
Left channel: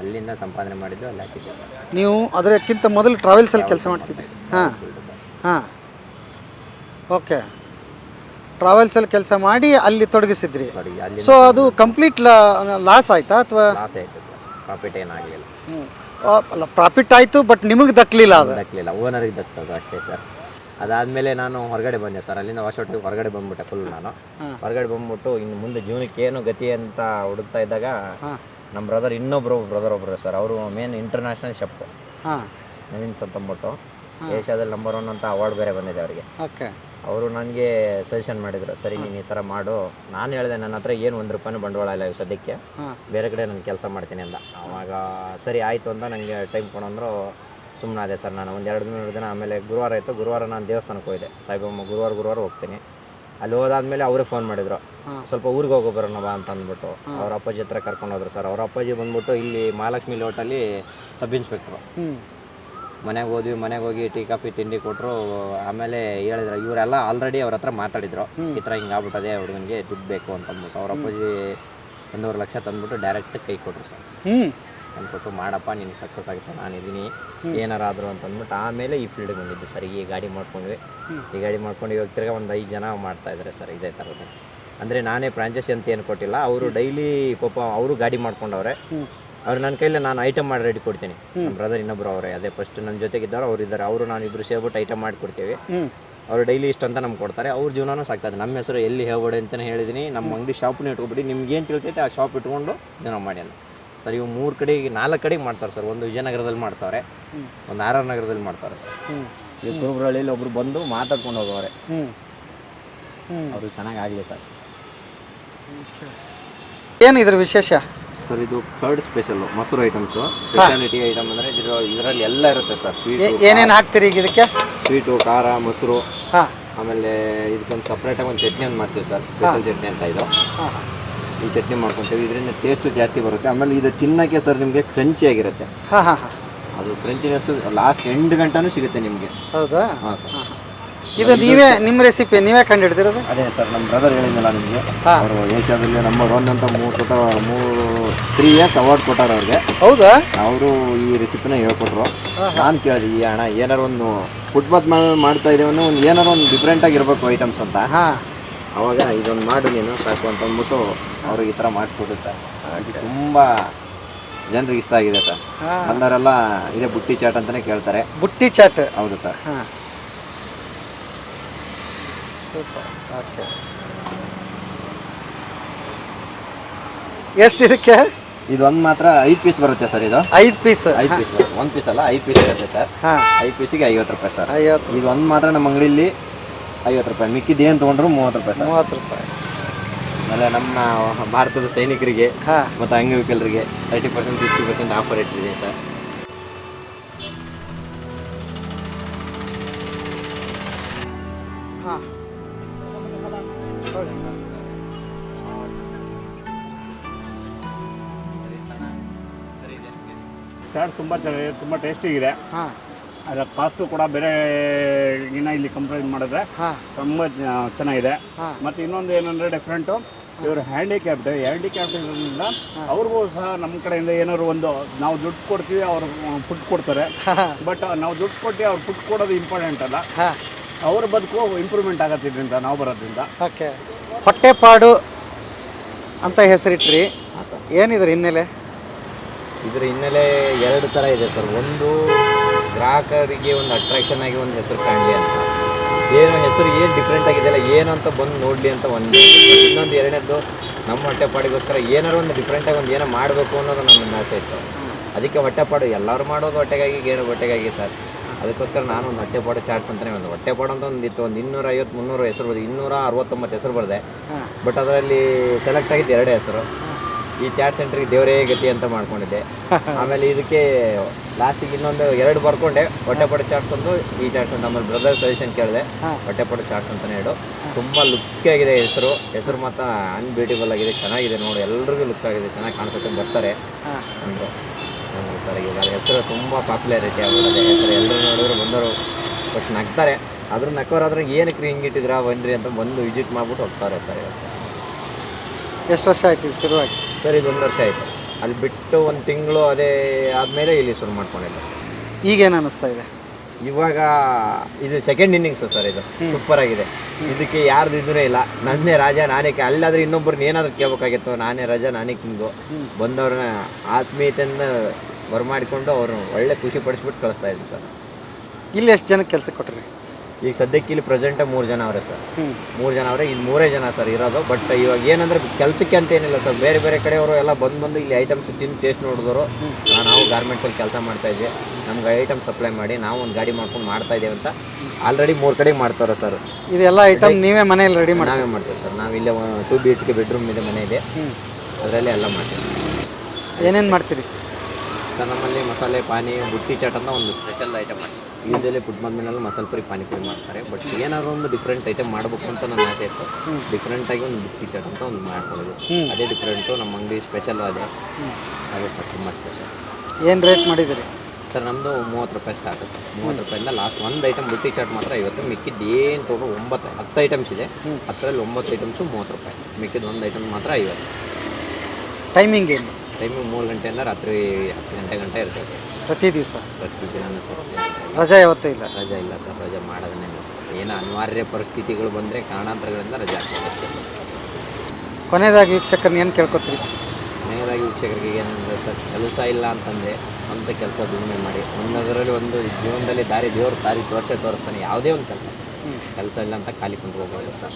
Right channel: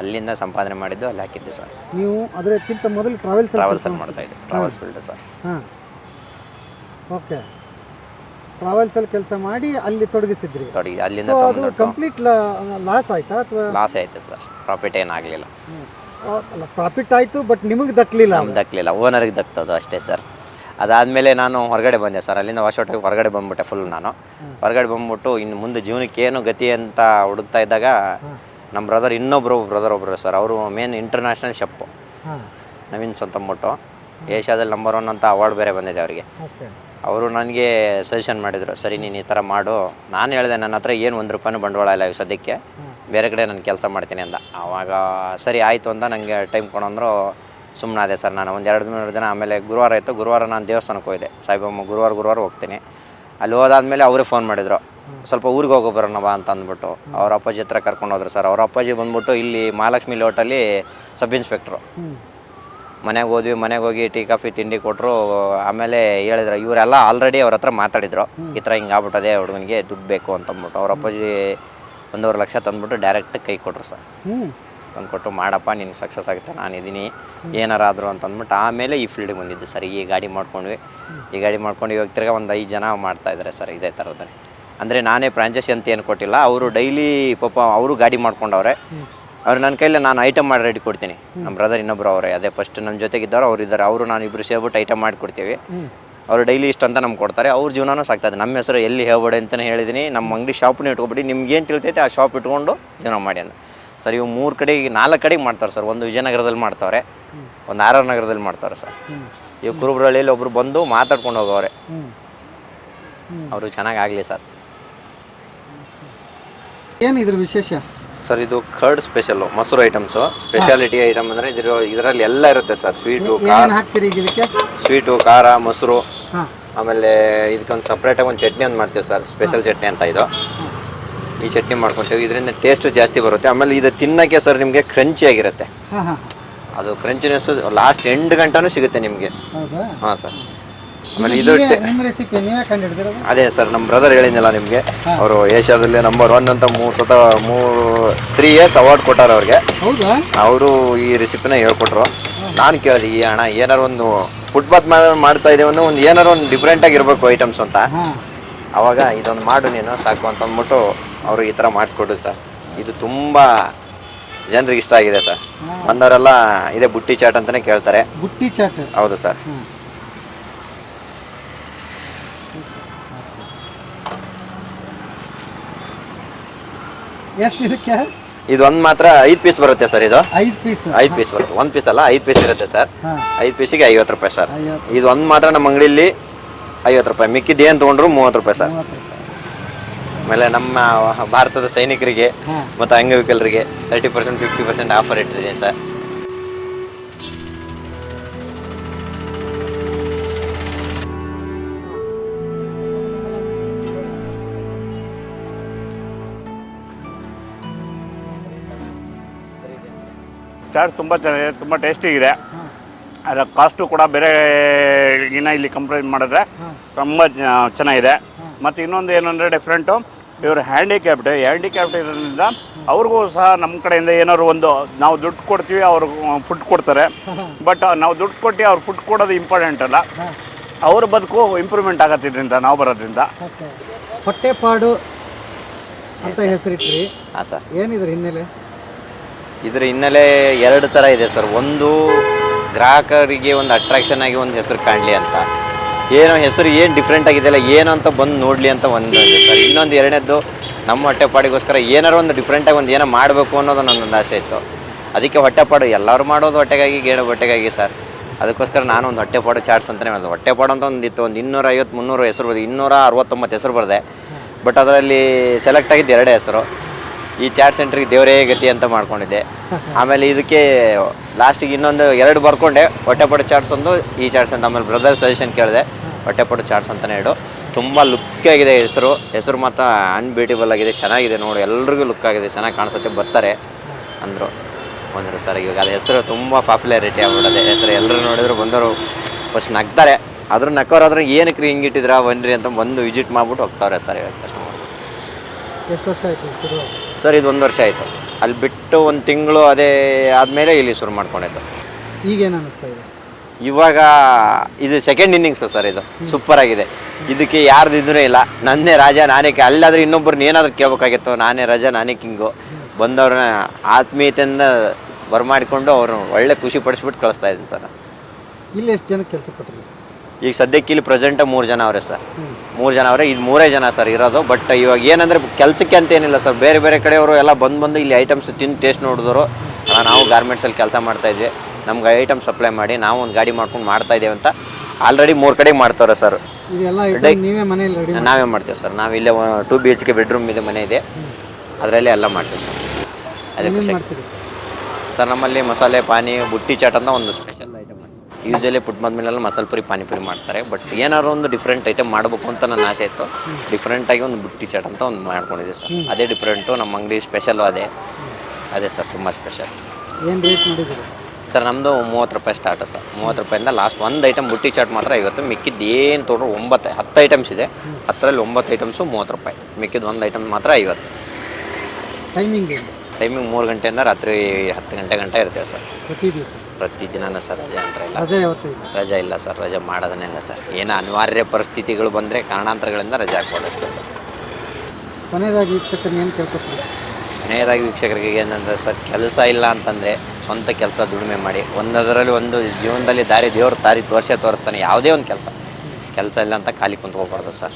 ಅಲ್ಲಿಂದ ಸಂಪಾದನೆ ಮಾಡಿದ್ದು ಅಲ್ಲಿ ಹಾಕಿದ್ದು ಸರ್. ನೀವು ಅದಕ್ಕಿಂತ ಮೊದಲು ಟ್ರಾವೆಲ್ಸಲ್ಲಿ ಕೆಲಸ ಮಾಡ್ತಾ ಇದ್ವಿ ಹಾಂ. ಸರ್ ಹಾಂ. ಓಕೆ. ಟ್ರಾವೆಲ್ಸಲ್ಲಿ ಕೆಲಸ ಮಾಡಿ ಅಲ್ಲಿ ತೊಡಗಿಸಿದ್ರಿ. ತೊಡಗಿ ಅಲ್ಲಿ ಸೊ ಅದು ಕಂಪ್ಲೀಟ್ ಲಾಸ್ ಆಯ್ತಾ ಅಥವಾ ಲಾಸ್ ಆಯ್ತು ಸರ್. ಪ್ರಾಫಿಟ್ ಏನಾಗಲಿಲ್ಲ ಪ್ರಾಫಿಟ್ ಆಯಿತು ಬಟ್ ನಿಮಗೆ ದಕ್ಕಲಿಲ್ಲ ಅದು. ದಕ್ಕಲಿಲ್ಲ ಓನರ್ಗೆ ದಕ್ತದು ಅಷ್ಟೇ ಸರ್. ಅದಾದಮೇಲೆ ನಾನು ಹೊರಗಡೆ ಬಂದೆ ಸರ್. ಅಲ್ಲಿಂದ ವಾಶೌಟಾಗಿ ಹೊರಗಡೆ ಬಂದ್ಬಿಟ್ಟೆ ಫುಲ್ ನಾನು. ಹೊರಗಡೆ ಬಂದ್ಬಿಟ್ಟು ಇನ್ನು ಮುಂದೆ ಜೀವನಕ್ಕೆ ಏನು ಗತಿ ಅಂತ ಹುಡುಕ್ತಾ ಇದ್ದಾಗ ನಮ್ಮ ಬ್ರದರ್ ಇನ್ನೊಬ್ಬರು ಬ್ರದರ್ ಒಬ್ಬರು ಸರ್ ಅವರು ಮೇನ್ ಇಂಟರ್ನ್ಯಾಷನಲ್ ಶೆಪ್ ಹಾಂ. ನವೀನ್ ಅಂತ ಅಂದ್ಬಿಟ್ಟು ಏಷ್ಯಾದಲ್ಲಿ ನಂಬರ್ ಒನ್ ಅಂತ ಅವಾರ್ಡ್ ಬೇರೆ ಬಂದಿದೆ ಅವರಿಗೆ. ಓಕೆ. ಅವರು ನನಗೆ ಸಜೆಷನ್ ಮಾಡಿದರು ಸರಿ ನೀನು ಈ ಥರ ಮಾಡು. ನಾನು ಹೇಳಿದೆ ನನ್ನ ಹತ್ರ ಏನು ಒಂದು ರೂಪಾಯಿನೂ ಬಂಡವಾಳ ಇಲ್ಲ ಈಗ ಸದ್ಯಕ್ಕೆ. ಬೇರೆ ಕಡೆ ನಾನು ಕೆಲಸ ಮಾಡ್ತೀನಿ ಅಂದ. ಆವಾಗ ಸರಿ ಆಯಿತು ಅಂತ ನನಗೆ ಟೈಮ್ ಕೊಡಂದ್ರು ಸುಮ್ಮನೆ ಅದೇ ಸರ್ ನಾನು. ಒಂದು ಎರಡು ಮೂರು ದಿನ ಆಮೇಲೆ ಗುರುವಾರ ಆಯಿತು. ಗುರುವಾರ ನಾನು ದೇವಸ್ಥಾನಕ್ಕೆ ಹೋಗಿದ್ದೆ ಸಾಯಿಬಾಬಾ ಗುರುವಾರ ಗುರುವಾರ ಹೋಗ್ತೀನಿ. ಅಲ್ಲಿ ಹೋದಾದ್ಮೇಲೆ ಅವರೇ ಫೋನ್ ಮಾಡಿದ್ರು. ಸ್ವಲ್ಪ ಊರಿಗೆ ಹೋಗೋ ಬರೋಣ ಬಾ ಅಂತ ಅಂದ್ಬಿಟ್ಟು ಅವ್ರ ಅಪ್ಪಾಜಿ ಹತ್ರ ಕರ್ಕೊಂಡು ಹೋದ್ರು ಸರ್. ಅವ್ರ ಅಪ್ಪಾಜಿ ಬಂದ್ಬಿಟ್ಟು ಇಲ್ಲಿ ಮಹಾಲಕ್ಷ್ಮಿ ಲೋಟಲ್ಲಿ ಸಬ್ ಇನ್ಸ್ಪೆಕ್ಟ್ರು. ಮನೆಗೆ ಹೋದ್ವಿ ಮನೆಗೆ ಹೋಗಿ ಟೀ ಕಾಫಿ ತಿಂಡಿ ಕೊಟ್ಟರು ಆಮೇಲೆ ಹೇಳಿದ್ರು ಇವರೆಲ್ಲ ಆಲ್ರೆಡಿ ಅವ್ರ ಹತ್ರ ಮಾತಾಡಿದ್ರು. ಈ ಥರ ಹಿಂಗೆ ಆಗ್ಬಿಟ್ಟದೆ ಹುಡುಗನಿಗೆ ದುಡ್ಡು ಬೇಕು ಅಂತ ಅಂದ್ಬಿಟ್ಟು. ಅವ್ರ ಅಪ್ಪಾಜಿ ಒಂದೂವರೆ ಲಕ್ಷ ತಂದ್ಬಿಟ್ಟು ಡೈರೆಕ್ಟ್ ಕೈ ಕೊಟ್ರು ಸರ್. ಹ್ಞೂ ತಂದ್ಕೊಟ್ಟು ಮಾಡಪ್ಪ ನಿನಗೆ ಸಕ್ಸಸ್ ಆಗುತ್ತೆ ನಾನು ಇದ್ದೀನಿ ಅಂತ ಅಂದ್ಬಿಟ್ಟು ಆಮೇಲೆ ಈ ಫೀಲ್ಡಿಗೆ ಬಂದಿದ್ದೆ ಸರ್. ಈ ಗಾಡಿ ಮಾಡ್ಕೊಂಡ್ವಿ. ಈ ಗಾಡಿ ಮಾಡ್ಕೊಂಡು ಇವಾಗ ತಿರ್ಗ ಒಂದು ಐದು ಜನ ಮಾಡ್ತಾ ಇದ್ದಾರೆ ಸರ್ ಇದೇ ಥರದ್ದು ಅಂದರೆ ನಾನೇ ಫ್ರಾಂಚೈಸಿ ಅಂತ ಏನು ಕೊಟ್ಟಿಲ್ಲ ಅವರು ಡೈಲಿ ಪಾಪ ಅವರು ಗಾಡಿ ಮಾಡ್ಕೊಂಡವ್ರೆ. ಅವ್ರು ನನ್ನ ಕೈಲಿ ನಾನು ಐಟಮ್ ಮಾಡಿ ರೆಡಿ ಕೊಡ್ತೀನಿ. ನಮ್ಮ ಬ್ರದರ್ ಇನ್ನೊಬ್ರು ಅವರೇ ಅದೇ ಫಸ್ಟ್ ನಮ್ಮ ಜೊತೆಗಿದ್ದವ್ರು ಅವ್ರು ಇದ್ದಾರೆ. ಅವರು ನಾನು ಇಬ್ಬರು ಸೇರ್ಬಿಟ್ಟು ಐಟಮ್ ಮಾಡಿಕೊಡ್ತೀವಿ ಅವ್ರು ಅವರು ಡೈಲಿ ಇಷ್ಟು ಅಂತ ನಮ್ಗೆ ಕೊಡ್ತಾರೆ. ಅವ್ರ ಜೀವನನೂ ಸಾಕ್ತದೆ ನಮ್ಮ ಹೆಸರು ಎಲ್ಲಿ ಹೇಳ್ಬೇಡಿ ಅಂತಲೇ ಹೇಳಿದ್ದೀನಿ ನಮ್ಮ ಅಂಗಡಿ ಶಾಪ್ನ ಇಟ್ಕೊಬಿಡಿ. ನಿಮ್ಗೆ ಏನು ತಿಳಿತೈತೆ ಆ ಶಾಪ್ ಇಟ್ಕೊಂಡು ಜೀವನ ಮಾಡಿ ಅಂತ. ಸರ್ ಇವು ಮೂರು ಕಡೆ ನಾಲ್ಕು ಕಡೆಗೆ ಮಾಡ್ತಾರೆ ಸರ್. ಒಂದು ವಿಜಯನಗರದಲ್ಲಿ ಮಾಡ್ತಾವ್ರೆ. ಒಂದು ಆರ್ ಆರ್ ನಗರದಲ್ಲಿ ಮಾಡ್ತಾರೆ ಸರ್. ಈ ಇವಾಗ ಕುರುಬ್ರಳ್ಳಿಯಲ್ಲಿ ಒಬ್ರು ಬಂದು ಮಾತಾಡ್ಕೊಂಡು ಹೋಗವ್ರೆ. ಅವರು ಚೆನ್ನಾಗಿ ಆಗಲಿ ಸರ್. ಏನಿದ್ರ ವಿಶೇಷ? ಸರ್ ಇದು ಕರ್ಡ್ ಸ್ಪೆಷಲ್ ಮೊಸರು ಐಟಮ್ಸ್ ಸ್ಪೆಷಾಲಿಟಿ ಐಟಮ್ ಅಂದ್ರೆ ಇದ್ರ ಇದರಲ್ಲಿ ಎಲ್ಲ ಇರುತ್ತೆ ಸರ್ ಸ್ವೀಟ್ ಏನೇನು ಹಾಕ್ತೀರಿ ಈಗ ಇದಕ್ಕೆ? ಸ್ವೀಟು ಖಾರ ಮೊಸರು. ಹಾಂ. ಆಮೇಲೆ ಇದಕ್ಕೊಂದು ಸಪ್ರೇಟಾಗಿ ಒಂದು ಚಟ್ನಿ ಅಂತ ಮಾಡ್ತೀವಿ ಸರ್ ಸ್ಪೆಷಲ್ ಚಟ್ನಿ ಅಂತ ಇದು. ಈ ಚಟ್ನಿ ಮಾಡ್ಕೊತೀವಿ ಇದರಿಂದ ಟೇಸ್ಟ್ ಜಾಸ್ತಿ ಬರುತ್ತೆ. ಆಮೇಲೆ ಇದು ತಿನ್ನಕ್ಕೆ ಸರ್ ನಿಮಗೆ ಕ್ರಂಚಿ ಆಗಿರುತ್ತೆ. ಹಾಂ ಹಾಂ ಹಾಂ. ಅದು ಕ್ರಂಚಿನೆಸ್ ಲಾಸ್ಟ್ ಎಂಟು ಗಂಟೆನೂ ಸಿಗುತ್ತೆ ನಿಮಗೆ. ಹೌದಾ? ಹಾಂ ಸರ್. ಇದು ನೀವೇ ನಿಮ್ಮ ರೆಸಿಪಿ ನೀವೇ ಕಂಡು ಹಿಡ್ದಿರೋದು ಅದೇ ಸರ್ ನಮ್ಮ ಬ್ರದರ್ ಹೇಳಿದ್ನಲ್ಲ ನಿಮಗೆ. ಅವರು ಏಷ್ಯಾದಲ್ಲಿ ನಂಬರ್ ಒನ್ ಅಂತ ಮೂರು ಸತ ಮೂರು ತ್ರೀ ಇಯರ್ಸ್ ಅವಾರ್ಡ್ ಕೊಟ್ಟಾರ ಅವ್ರಿಗೆ. ಹೌದಾ? ಅವರು ಈ ರೆಸಿಪಿನ ಹೇಳ್ಕೊಟ್ರು. ನಾನು ಕೇಳಿದೆ ಈ ಅಣ್ಣ ಏನಾರು ಒಂದು ಫುಟ್ಪಾತ್ ಮಾಡ್ತಾ ಇದೇ ಅಂದ್ರೆ ಒಂದು ಏನಾರು ಒಂದು ಡಿಫ್ರೆಂಟ್ ಆಗಿರ್ಬೇಕು ಐಟಮ್ಸ್ ಅಂತ. ಅವಾಗ ಇದೊಂದು ಮಾಡು ನೀನು ಸಾಕು ಅಂತ ಅಂದ್ಬಿಟ್ಟು ಅವ್ರಿಗೆ ಈ ಥರ ಮಾಡಿಸ್ಕೊಡು ಸರ್. ಇದು ತುಂಬ ಜನರಿಗೆ ಇಷ್ಟ ಆಗಿದೆ ಸರ್. ಬಂದವರೆಲ್ಲ ಇದೇ ಬುಟ್ಟಿ ಚಾಟ್ ಅಂತಾನೆ ಕೇಳ್ತಾರೆ. ಬುಟ್ಟಿ ಚಾಟ್. ಹೌದು ಸರ್ ಹಾಂ ಸೂಪರ್ ಓಕೆ ಎಷ್ಟು ಇದಕ್ಕೆ? ಇದು ಒಂದು ಮಾತ್ರ ಐದು ಪೀಸ್ ಬರುತ್ತೆ ಸರ್ ಇದು. ಐದು ಪೀಸ್ ಐದು ಪೀಸ್ ಬರುತ್ತೆ. ಒಂದು ಪೀಸ್ ಅಲ್ಲ ಐದು ಪೀಸ್ ಇರುತ್ತೆ ಸರ್. ಹಾಂ. ಐದು ಪೀಸಿಗೆ ಐವತ್ತು ರೂಪಾಯಿ ಸರ್. ಐವತ್ತು. ಇದು ಒಂದು ಮಾತ್ರ ನಮ್ಮ ಅಂಗಡಿಯಲ್ಲಿ ಐವತ್ತು ರೂಪಾಯಿ. ಮಿಕ್ಕಿದ್ದು ಏನು ತೊಗೊಂಡ್ರು ಮೂವತ್ತು ರೂಪಾಯಿ ಸರ್. ಮೂವತ್ತು ರೂಪಾಯಿ. ಆಮೇಲೆ ನಮ್ಮ ಭಾರತದ ಸೈನಿಕರಿಗೆ ಮತ್ತೆ ಮತ್ತು ಅಂಗವಿಕಲರಿಗೆ thirty percent fifty percent offer ಇಟ್ಟಿದೆ ಸರ್. ಚಾಟ್ ತುಂಬ ಚೆನ್ನಾಗಿದೆ ತುಂಬ ಟೇಸ್ಟಿಗಿದೆ ಹಾಂ. ಅದರ ಕಾಸ್ಟು ಕೂಡ ಬೇರೆ ಇನ್ನ ಇಲ್ಲಿ ಕಂಪ್ಲೇಂಟ್ ಮಾಡಿದ್ರೆ ಹಾಂ. ತುಂಬ ಚೆನ್ನಾಗಿದೆ. ಮತ್ತು ಇನ್ನೊಂದು ಏನಂದರೆ ಡಿಫ್ರೆಂಟು ಇವರು ಹ್ಯಾಂಡಿಕ್ಯಾಪ್ಟ್ ಹ್ಯಾಂಡಿಕ್ಯಾಪ್ಟ್ ಇರೋದ್ರಿಂದ ಅವ್ರಿಗೂ ಸಹ ನಮ್ಮ ಕಡೆಯಿಂದ ಏನಾದ್ರು ಒಂದು ನಾವು ದುಡ್ಡು ಕೊಡ್ತೀವಿ ಅವರು ಫುಡ್ ಕೊಡ್ತಾರೆ. ಬಟ್ ನಾವು ದುಡ್ಡು ಕೊಟ್ಟು ಅವ್ರು ಫುಡ್ ಕೊಡೋದು ಇಂಪಾರ್ಟೆಂಟ್ ಅಲ್ಲ. ಅವ್ರ ಬದುಕು ಇಂಪ್ರೂವ್ಮೆಂಟ್ ಆಗತ್ತಿದ್ರಿಂದ ನಾವು ಬರೋದ್ರಿಂದ. ಓಕೆ ಹೊಟ್ಟೆಪಾಡು ಅಂತ ಹೆಸರಿಟ್ರಿ. ಹಾಂ ಸರ್. ಏನಿದ್ರ ಹಿನ್ನೆಲೆ? ಇದ್ರ ಹಿನ್ನೆಲೆ ಎರಡು ಥರ ಇದೆ ಸರ್. ಒಂದು ಗ್ರಾಹಕರಿಗೆ ಒಂದು ಅಟ್ರಾಕ್ಷನ್ ಆಗಿ ಒಂದು ಹೆಸರು ಕಾಣಲಿ ಅಂತ. ಏನೋ ಹೆಸರು ಏನು ಡಿಫ್ರೆಂಟ್ ಆಗಿದೆಯಲ್ಲ ಏನು ಅಂತ ಬಂದು ನೋಡಲಿ ಅಂತ ಒಂದು ಸರ್. ಇನ್ನೊಂದು ಎರಡನೇದ್ದು ನಮ್ಮ ಹೊಟ್ಟೆಪಾಡಿಗೋಸ್ಕರ ಏನಾರು ಒಂದು ಡಿಫ್ರೆಂಟಾಗಿ ಒಂದು ಏನೋ ಮಾಡಬೇಕು ಅನ್ನೋದು ನನ್ನೊಂದು ಆಸೆ ಇತ್ತು. ಅದಕ್ಕೆ ಹೊಟ್ಟೆಪಾಡು ಎಲ್ಲರೂ ಮಾಡೋದು ಹೊಟ್ಟೆಗಾಗಿ ಗೇಣು ಹೊಟ್ಟೆಗಾಗಿ ಸರ್. ಅದಕ್ಕೋಸ್ಕರ ನಾನು ಒಂದು ಹೊಟ್ಟೆಪಾಡು ಚಾಟ್ಸ್ ಅಂತಲೇ ಒಂದು ಹೊಟ್ಟೆಪಾಡು ಅಂತ ಒಂದು ಇತ್ತು. ಒಂದು ಇನ್ನೂರ ಐವತ್ತು ಮುನ್ನೂರು ಹೆಸರು ಬರೋದು ಇನ್ನೂರ ಅರವತ್ತೊಂಬತ್ತು ಹೆಸರು ಬರದೆ. ಬಟ್ ಅದರಲ್ಲಿ ಸೆಲೆಕ್ಟ್ ಆಗಿದ್ದು ಎರಡೇ ಹೆಸರು. ಈ ಚಾಟ್ ಸೆಂಟ್ರಿಗೆ ದೇವರೇ ಗತಿ ಅಂತ ಮಾಡ್ಕೊಂಡಿದ್ದೆ. ಆಮೇಲೆ ಇದಕ್ಕೆ ಲಾಸ್ಟಿಗೆ ಇನ್ನೊಂದು ಎರಡು ಬರ್ಕೊಂಡೆ. ಹೊಟ್ಟೆಪಟ್ಟು ಚಾಟ್ಸ್ ಒಂದು ಈ ಚಾಟ್ಸ್ ಅಂತ ಆಮೇಲೆ ಬ್ರದರ್ ಸಜೆಷನ್ ಕೇಳಿದೆ. ಹೊಟ್ಟೆಪಟ್ಟು ಚಾಟ್ಸ್ ಅಂತಲೇ ಹೇಳು. ತುಂಬ ಲುಕ್ ಆಗಿದೆ ಹೆಸರು. ಹೆಸರು ಮಾತ್ರ ಅನ್ಬ್ಯೂಟಿಬಲ್ ಆಗಿದೆ. ಚೆನ್ನಾಗಿದೆ ನೋಡಿ. ಎಲ್ರಿಗೂ ಲುಕ್ ಆಗಿದೆ. ಚೆನ್ನಾಗಿ ಕಾಣಿಸುತ್ತೆ. ಬರ್ತಾರೆ. ಅಂದರು. ಬಂದರು ಸರ್ ಇವಾಗ. ಅದು ಹೆಸರು ತುಂಬ ಪಾಪ್ಯುಲಾರಿಟಿ ಆಗ್ಬಿಡೋದೆ ಹೆಸರು ಎಲ್ಲರೂ ನೋಡಿದ್ರು ಬಂದರು ಫಸ್ಟ್ ನಗ್ತಾರೆ. ಅದ್ರ ನಕ್ಕೋರಾದ್ರೆ ಏನಕ್ಕೆ ಹಿಂಗೆ ಇಟ್ಟಿದ್ರಾ ಬನ್ರಿ ಅಂತ ಬಂದು ವಿಸಿಟ್ ಮಾಡ್ಬಿಟ್ಟು ಹೋಗ್ತಾರೆ ಸರ್ ಇವತ್ತು. ಎಷ್ಟು ವರ್ಷ ಆಯ್ತು ಶುರುವಾಗಿ? ಸರ್ ಇದು ಒಂದು ವರ್ಷ ಆಯಿತು. ಅಲ್ಲಿ ಬಿಟ್ಟು ಒಂದು ತಿಂಗಳು ಅದೇ ಆದಮೇಲೆ ಇಲ್ಲಿ ಶುರು ಮಾಡ್ಕೊಂಡಿದ್ದು. ಈಗೇನು ಅನ್ನಿಸ್ತಾ ಇದೆ? ಇವಾಗ ಇದು ಸೆಕೆಂಡ್ ಇನ್ನಿಂಗ್ಸ್ ಸರ್ ಇದು. ಸೂಪರ್ ಆಗಿದೆ. ಇದಕ್ಕೆ ಯಾರ್ದು ಇದ್ರೂ ಇಲ್ಲ. ನನ್ನೇ ರಾಜ ನಾನೇ ಅಲ್ಲಾದ್ರೂ ಇನ್ನೊಬ್ಬರನ್ನ ಏನಾದರೂ ಕೇಳಬೇಕಾಗಿತ್ತು. ನಾನೇ ರಾಜ ನಾನೇ ಕಿಂಗು. ಬಂದವ್ರನ್ನ ಆತ್ಮೀಯತೆಯಿಂದ ಬರಮಾಡಿಕೊಂಡು ಅವ್ರನ್ನ ಒಳ್ಳೆ ಖುಷಿ ಪಡಿಸ್ಬಿಟ್ಟು ಕಳಿಸ್ತಾ ಇದ್ದೀನಿ ಸರ್. ಇಲ್ಲಿ ಎಷ್ಟು ಜನಕ್ಕೆ ಕೆಲಸ ಕೊಟ್ರಿ ಈಗ ಸದ್ಯಕ್ಕೆ ಇಲ್ಲಿ ಪ್ರೆಸೆಂಟ್ ಮೂರು ಜನ ಅವರೇ ಸರ್. ಮೂರು ಜನ ಅವರೇ ಇದು ಮೂರೇ ಜನ ಸರ್ ಇರೋದು. ಬಟ್ ಇವಾಗ ಏನಂದ್ರೆ ಕೆಲಸಕ್ಕೆ ಅಂತ ಏನಿಲ್ಲ ಸರ್. ಬೇರೆ ಬೇರೆ ಕಡೆಯವರು ಎಲ್ಲ ಬಂದು ಬಂದು ಇಲ್ಲಿ ಐಟಮ್ಸ್ ತಿಂದು ಟೇಸ್ಟ್ ನೋಡಿದ್ರು. ನಾವು ಗಾರ್ಮೆಂಟ್ಸಲ್ಲಿ ಕೆಲಸ ಮಾಡ್ತಾ ಇದ್ವಿ. ನಮ್ಗೆ ಐಟಮ್ ಸಪ್ಲೈ ಮಾಡಿ ನಾವು ಒಂದು ಗಾಡಿ ಮಾಡ್ಕೊಂಡು ಮಾಡ್ತಾ ಇದ್ದೇವೆ ಅಂತ ಆಲ್ರೆಡಿ ಮೂರು ಕಡೆ ಮಾಡ್ತಾರೆ ಸರ್. ಇದೆಲ್ಲ ಐಟಮ್ ನೀವೇ ಮನೆಯಲ್ಲಿ ರೆಡಿ ನಾವೇ ಮಾಡ್ತೇವೆ ಸರ್. ನಾವು ಇಲ್ಲೇ two B H K bedroom ಇದೆ ಮನೆ ಇದೆ. ಅದರಲ್ಲೇ ಎಲ್ಲ ಮಾಡ್ತೀವಿ ಸರ್. ಅದೇನೇನು ಮಾಡ್ತೀರಿ? ಸರ್ ನಮ್ಮಲ್ಲಿ ಮಸಾಲೆ ಪಾನಿ ಬುಟ್ಟಿ ಚಾಟ್ ಅಂತ ಒಂದು ಸ್ಪೆಷಲ್ ಐಟಮ್ ಮಾಡಿ ಯೂಶಲಿ ಪುಟ್ ಬಂದ್ಮೇಲೆ ಮಸಾಲೆ ಪುರಿ ಪಾನಿಪುರಿ ಮಾಡ್ತಾರೆ. ಬಟ್ ಏನಾದ್ರು ಒಂದು ಡಿಫ್ರೆಂಟ್ ಐಟಮ್ ಮಾಡಬೇಕು ಅಂತ ನನ್ನ ಆಸೆ ಇತ್ತು. ಡಿಫ್ರೆಂಟಾಗಿ ಒಂದು ಬುಟ್ಟಿ ಚಾಟ್ ಅಂತ ಒಂದು ಮಾಡ್ಕೊಂಡಿದ್ದೆ ಸರ್. ಅದೇ ಡಿಫ್ರೆಂಟು ನಮ್ಮ ಅಂಗಡಿ ಸ್ಪೆಷಲ್ ಅದೇ. ಅದೇ ಸರ್ ತುಂಬ ಸ್ಪೆಷಲ್ ಏನು ರೇಟ್ ಮಾಡಿದ್ದೀರಿ? ಸರ್ ನಮ್ಮದು ಮೂವತ್ತು ರೂಪಾಯಿ ಸ್ಟಾರ್ಟ್ ಸರ್. ಮೂವತ್ತು ರೂಪಾಯಿಂದ ಲಾಸ್ಟ್ ಒಂದು ಐಟಮ್ ಬುಟ್ಟಿ ಚಾಟ್ ಮಾತ್ರ ಇವತ್ತು ಮಿಕ್ಕಿದ್ದು ಏನು ತೊಗೊಂಡ್ರು ಒಂಬತ್ತು ಹತ್ತು ಐಟಮ್ಸ್ ಇದೆ. ಹತ್ತರಲ್ಲಿ ಒಂಬತ್ತು ಐಟಮ್ಸು ಮೂವತ್ತು ರೂಪಾಯಿ. ಮಿಕ್ಕಿದ್ದು ಒಂದು ಐಟಮ್ ಮಾತ್ರ ಐವತ್ತು. ಟೈಮಿಂಗ್ ಏನು? ಟೈಮಿಂಗ್ ಮೂರು ಗಂಟೆಯಿಂದ ರಾತ್ರಿ ಹತ್ತು ಗಂಟೆ ಗಂಟೆ ಇರ್ತೇವೆ ಸರ್. ಪ್ರತಿ ದಿವಸ? ಪ್ರತಿ ದಿನ ಸರ್ ರಜೆ ಅಂತ ಇಲ್ಲ. ರಜೆ ಯಾವತ್ತೂ ಇಲ್ಲ? ರಜೆ ಇಲ್ಲ ಸರ್ ರಜೆ ಮಾಡೋದನ್ನೆಲ್ಲ ಸರ್. ಏನೋ ಅನಿವಾರ್ಯ ಪರಿಸ್ಥಿತಿಗಳು ಬಂದರೆ ಕಾರಣಾಂತರಗಳಿಂದ ರಜೆ ಹಾಕ್ಬೋದು ಅಷ್ಟೇ ಸರ್. ಕೊನೆಯದಾಗಿ ವೀಕ್ಷಕರನ್ನ ಏನು ಕೇಳ್ಕೊತೀರಿ? ಕೊನೆಯದಾಗಿ ವೀಕ್ಷಕರಿಗೆ ಏನಂದ್ರೆ ಸರ್ ಕೆಲಸ ಇಲ್ಲ ಅಂತಂದರೆ ಸ್ವಂತ ಕೆಲಸ ದುಡಿಮೆ ಮಾಡಿ ಒಂದದರಲ್ಲಿ ಒಂದು ಜೀವನದಲ್ಲಿ ದಾರಿ ದೇವ್ರ ತಾರಿ ತೋರಿಸೇ ತೋರಿಸ್ತಾನೆ ಯಾವುದೇ ಒಂದು ಕೆಲಸ. ಕೆಲಸ ಇಲ್ಲ ಅಂತ ಖಾಲಿ ಕುಂತ್ಕೋಬಾರ್ದು ಸರ್.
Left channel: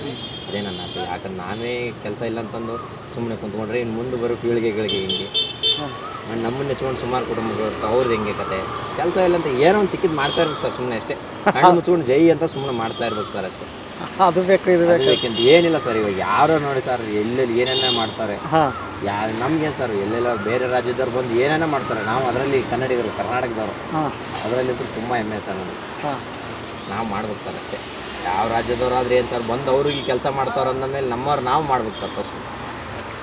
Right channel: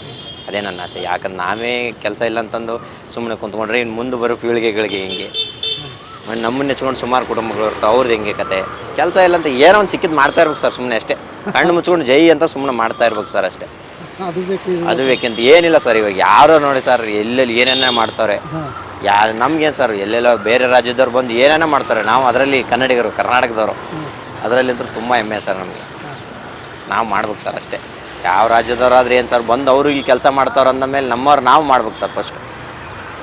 ಅದೇ ನನ್ನ ಆಸೆ. ಯಾಕಂದ್ರೆ ನಾವೇ ಕೆಲಸ ಇಲ್ಲ ಅಂತಂದು ಸುಮ್ಮನೆ ಕುಂತ್ಕೊಂಡ್ರೆ ಇನ್ನು ಮುಂದೆ ಬರೋ ಪೀಳಿಗೆಗಳಿಗೆ ಹಿಂಗೆ? ನಮ್ಮನ್ನ ನೆಚ್ಕೊಂಡು ಸುಮಾರು ಕುಟುಂಬಗಳು ಇರ್ತಾವೆ ಅವ್ರದ್ದು ಹೆಂಗೆ ಕತೆ? ಕೆಲಸ ಇಲ್ಲ ಅಂತ ಏನೋ ಒಂದು ಸಿಕ್ಕಿದ್ದು ಮಾಡ್ತಾ ಇರ್ಬೇಕು ಸರ್ ಸುಮ್ಮನೆ ಅಷ್ಟೇ. ಕಣ್ಣು ಮುಚ್ಕೊಂಡು ಜೈ ಅಂತ ಸುಮ್ಮನೆ ಮಾಡ್ತಾ ಇರ್ಬೇಕು ಸರ್ ಅಷ್ಟೇ. ಅದು ಬೇಕು ಅದು ಬೇಕಂತ ಏನಿಲ್ಲ ಸರ್ ಇವಾಗ. ಯಾರೋ ನೋಡಿ ಸರ್ ಎಲ್ಲೆಲ್ಲಿ ಏನೇನೇ ಮಾಡ್ತಾರೆ. ಯಾರು ನಮ್ಗೇನು ಸರ್ ಎಲ್ಲೆಲ್ಲ ಬೇರೆ ರಾಜ್ಯದವ್ರು ಬಂದು ಏನೇನೋ ಮಾಡ್ತಾರೆ. ನಾವು ಅದರಲ್ಲಿ ಕನ್ನಡಿಗರು ಕರ್ನಾಟಕದವರು. ಅದರಲ್ಲಿ ತುಂಬಾ ತುಂಬ ಹೆಮ್ಮೆ ಸರ್ ನಮಗೆ. ನಾವು ಮಾಡ್ಬೇಕು ಸರ್ ಅಷ್ಟೇ. ಯಾವ ರಾಜ್ಯದವರಾದ್ರೆ ಏನು ಸರ್ ಬಂದು ಅವರು ಇಲ್ಲಿ ಕೆಲಸ ಅಂದ ಮೇಲೆ ನಮ್ಮವ್ರು ನಾವು ಮಾಡ್ಬೇಕು ಸರ್ ಫಸ್ಟ್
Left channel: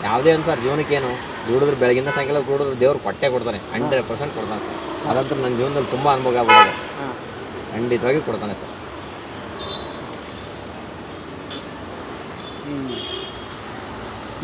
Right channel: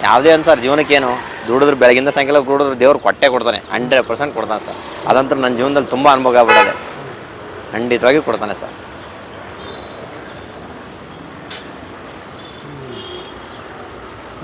ಯಾವುದೇ ಒಂದು ಸರ್ ಜೀವನಕ್ಕೇನು ದುಡಿದ್ರೆ ಬೆಳಗಿಂದ ಸಾಯಂಕಾಲ ದುಡಿದ್ರೆ ದೇವ್ರು ಕೊಟ್ಟೆ ಕೊಡ್ತಾನೆ ಹಂಡ್ರೆಡ್ ಪರ್ಸೆಂಟ್ ಕೊಡ್ತಾನೆ ಸರ್ ಅದಂತೂ ನನ್ನ ಜೀವನದಲ್ಲಿ ತುಂಬ ಅನುಭವ ಆಗ್ಬಿಡೋದೆ ಖಂಡಿತವಾಗಿ ಕೊಡ್ತಾನೆ ಸರ್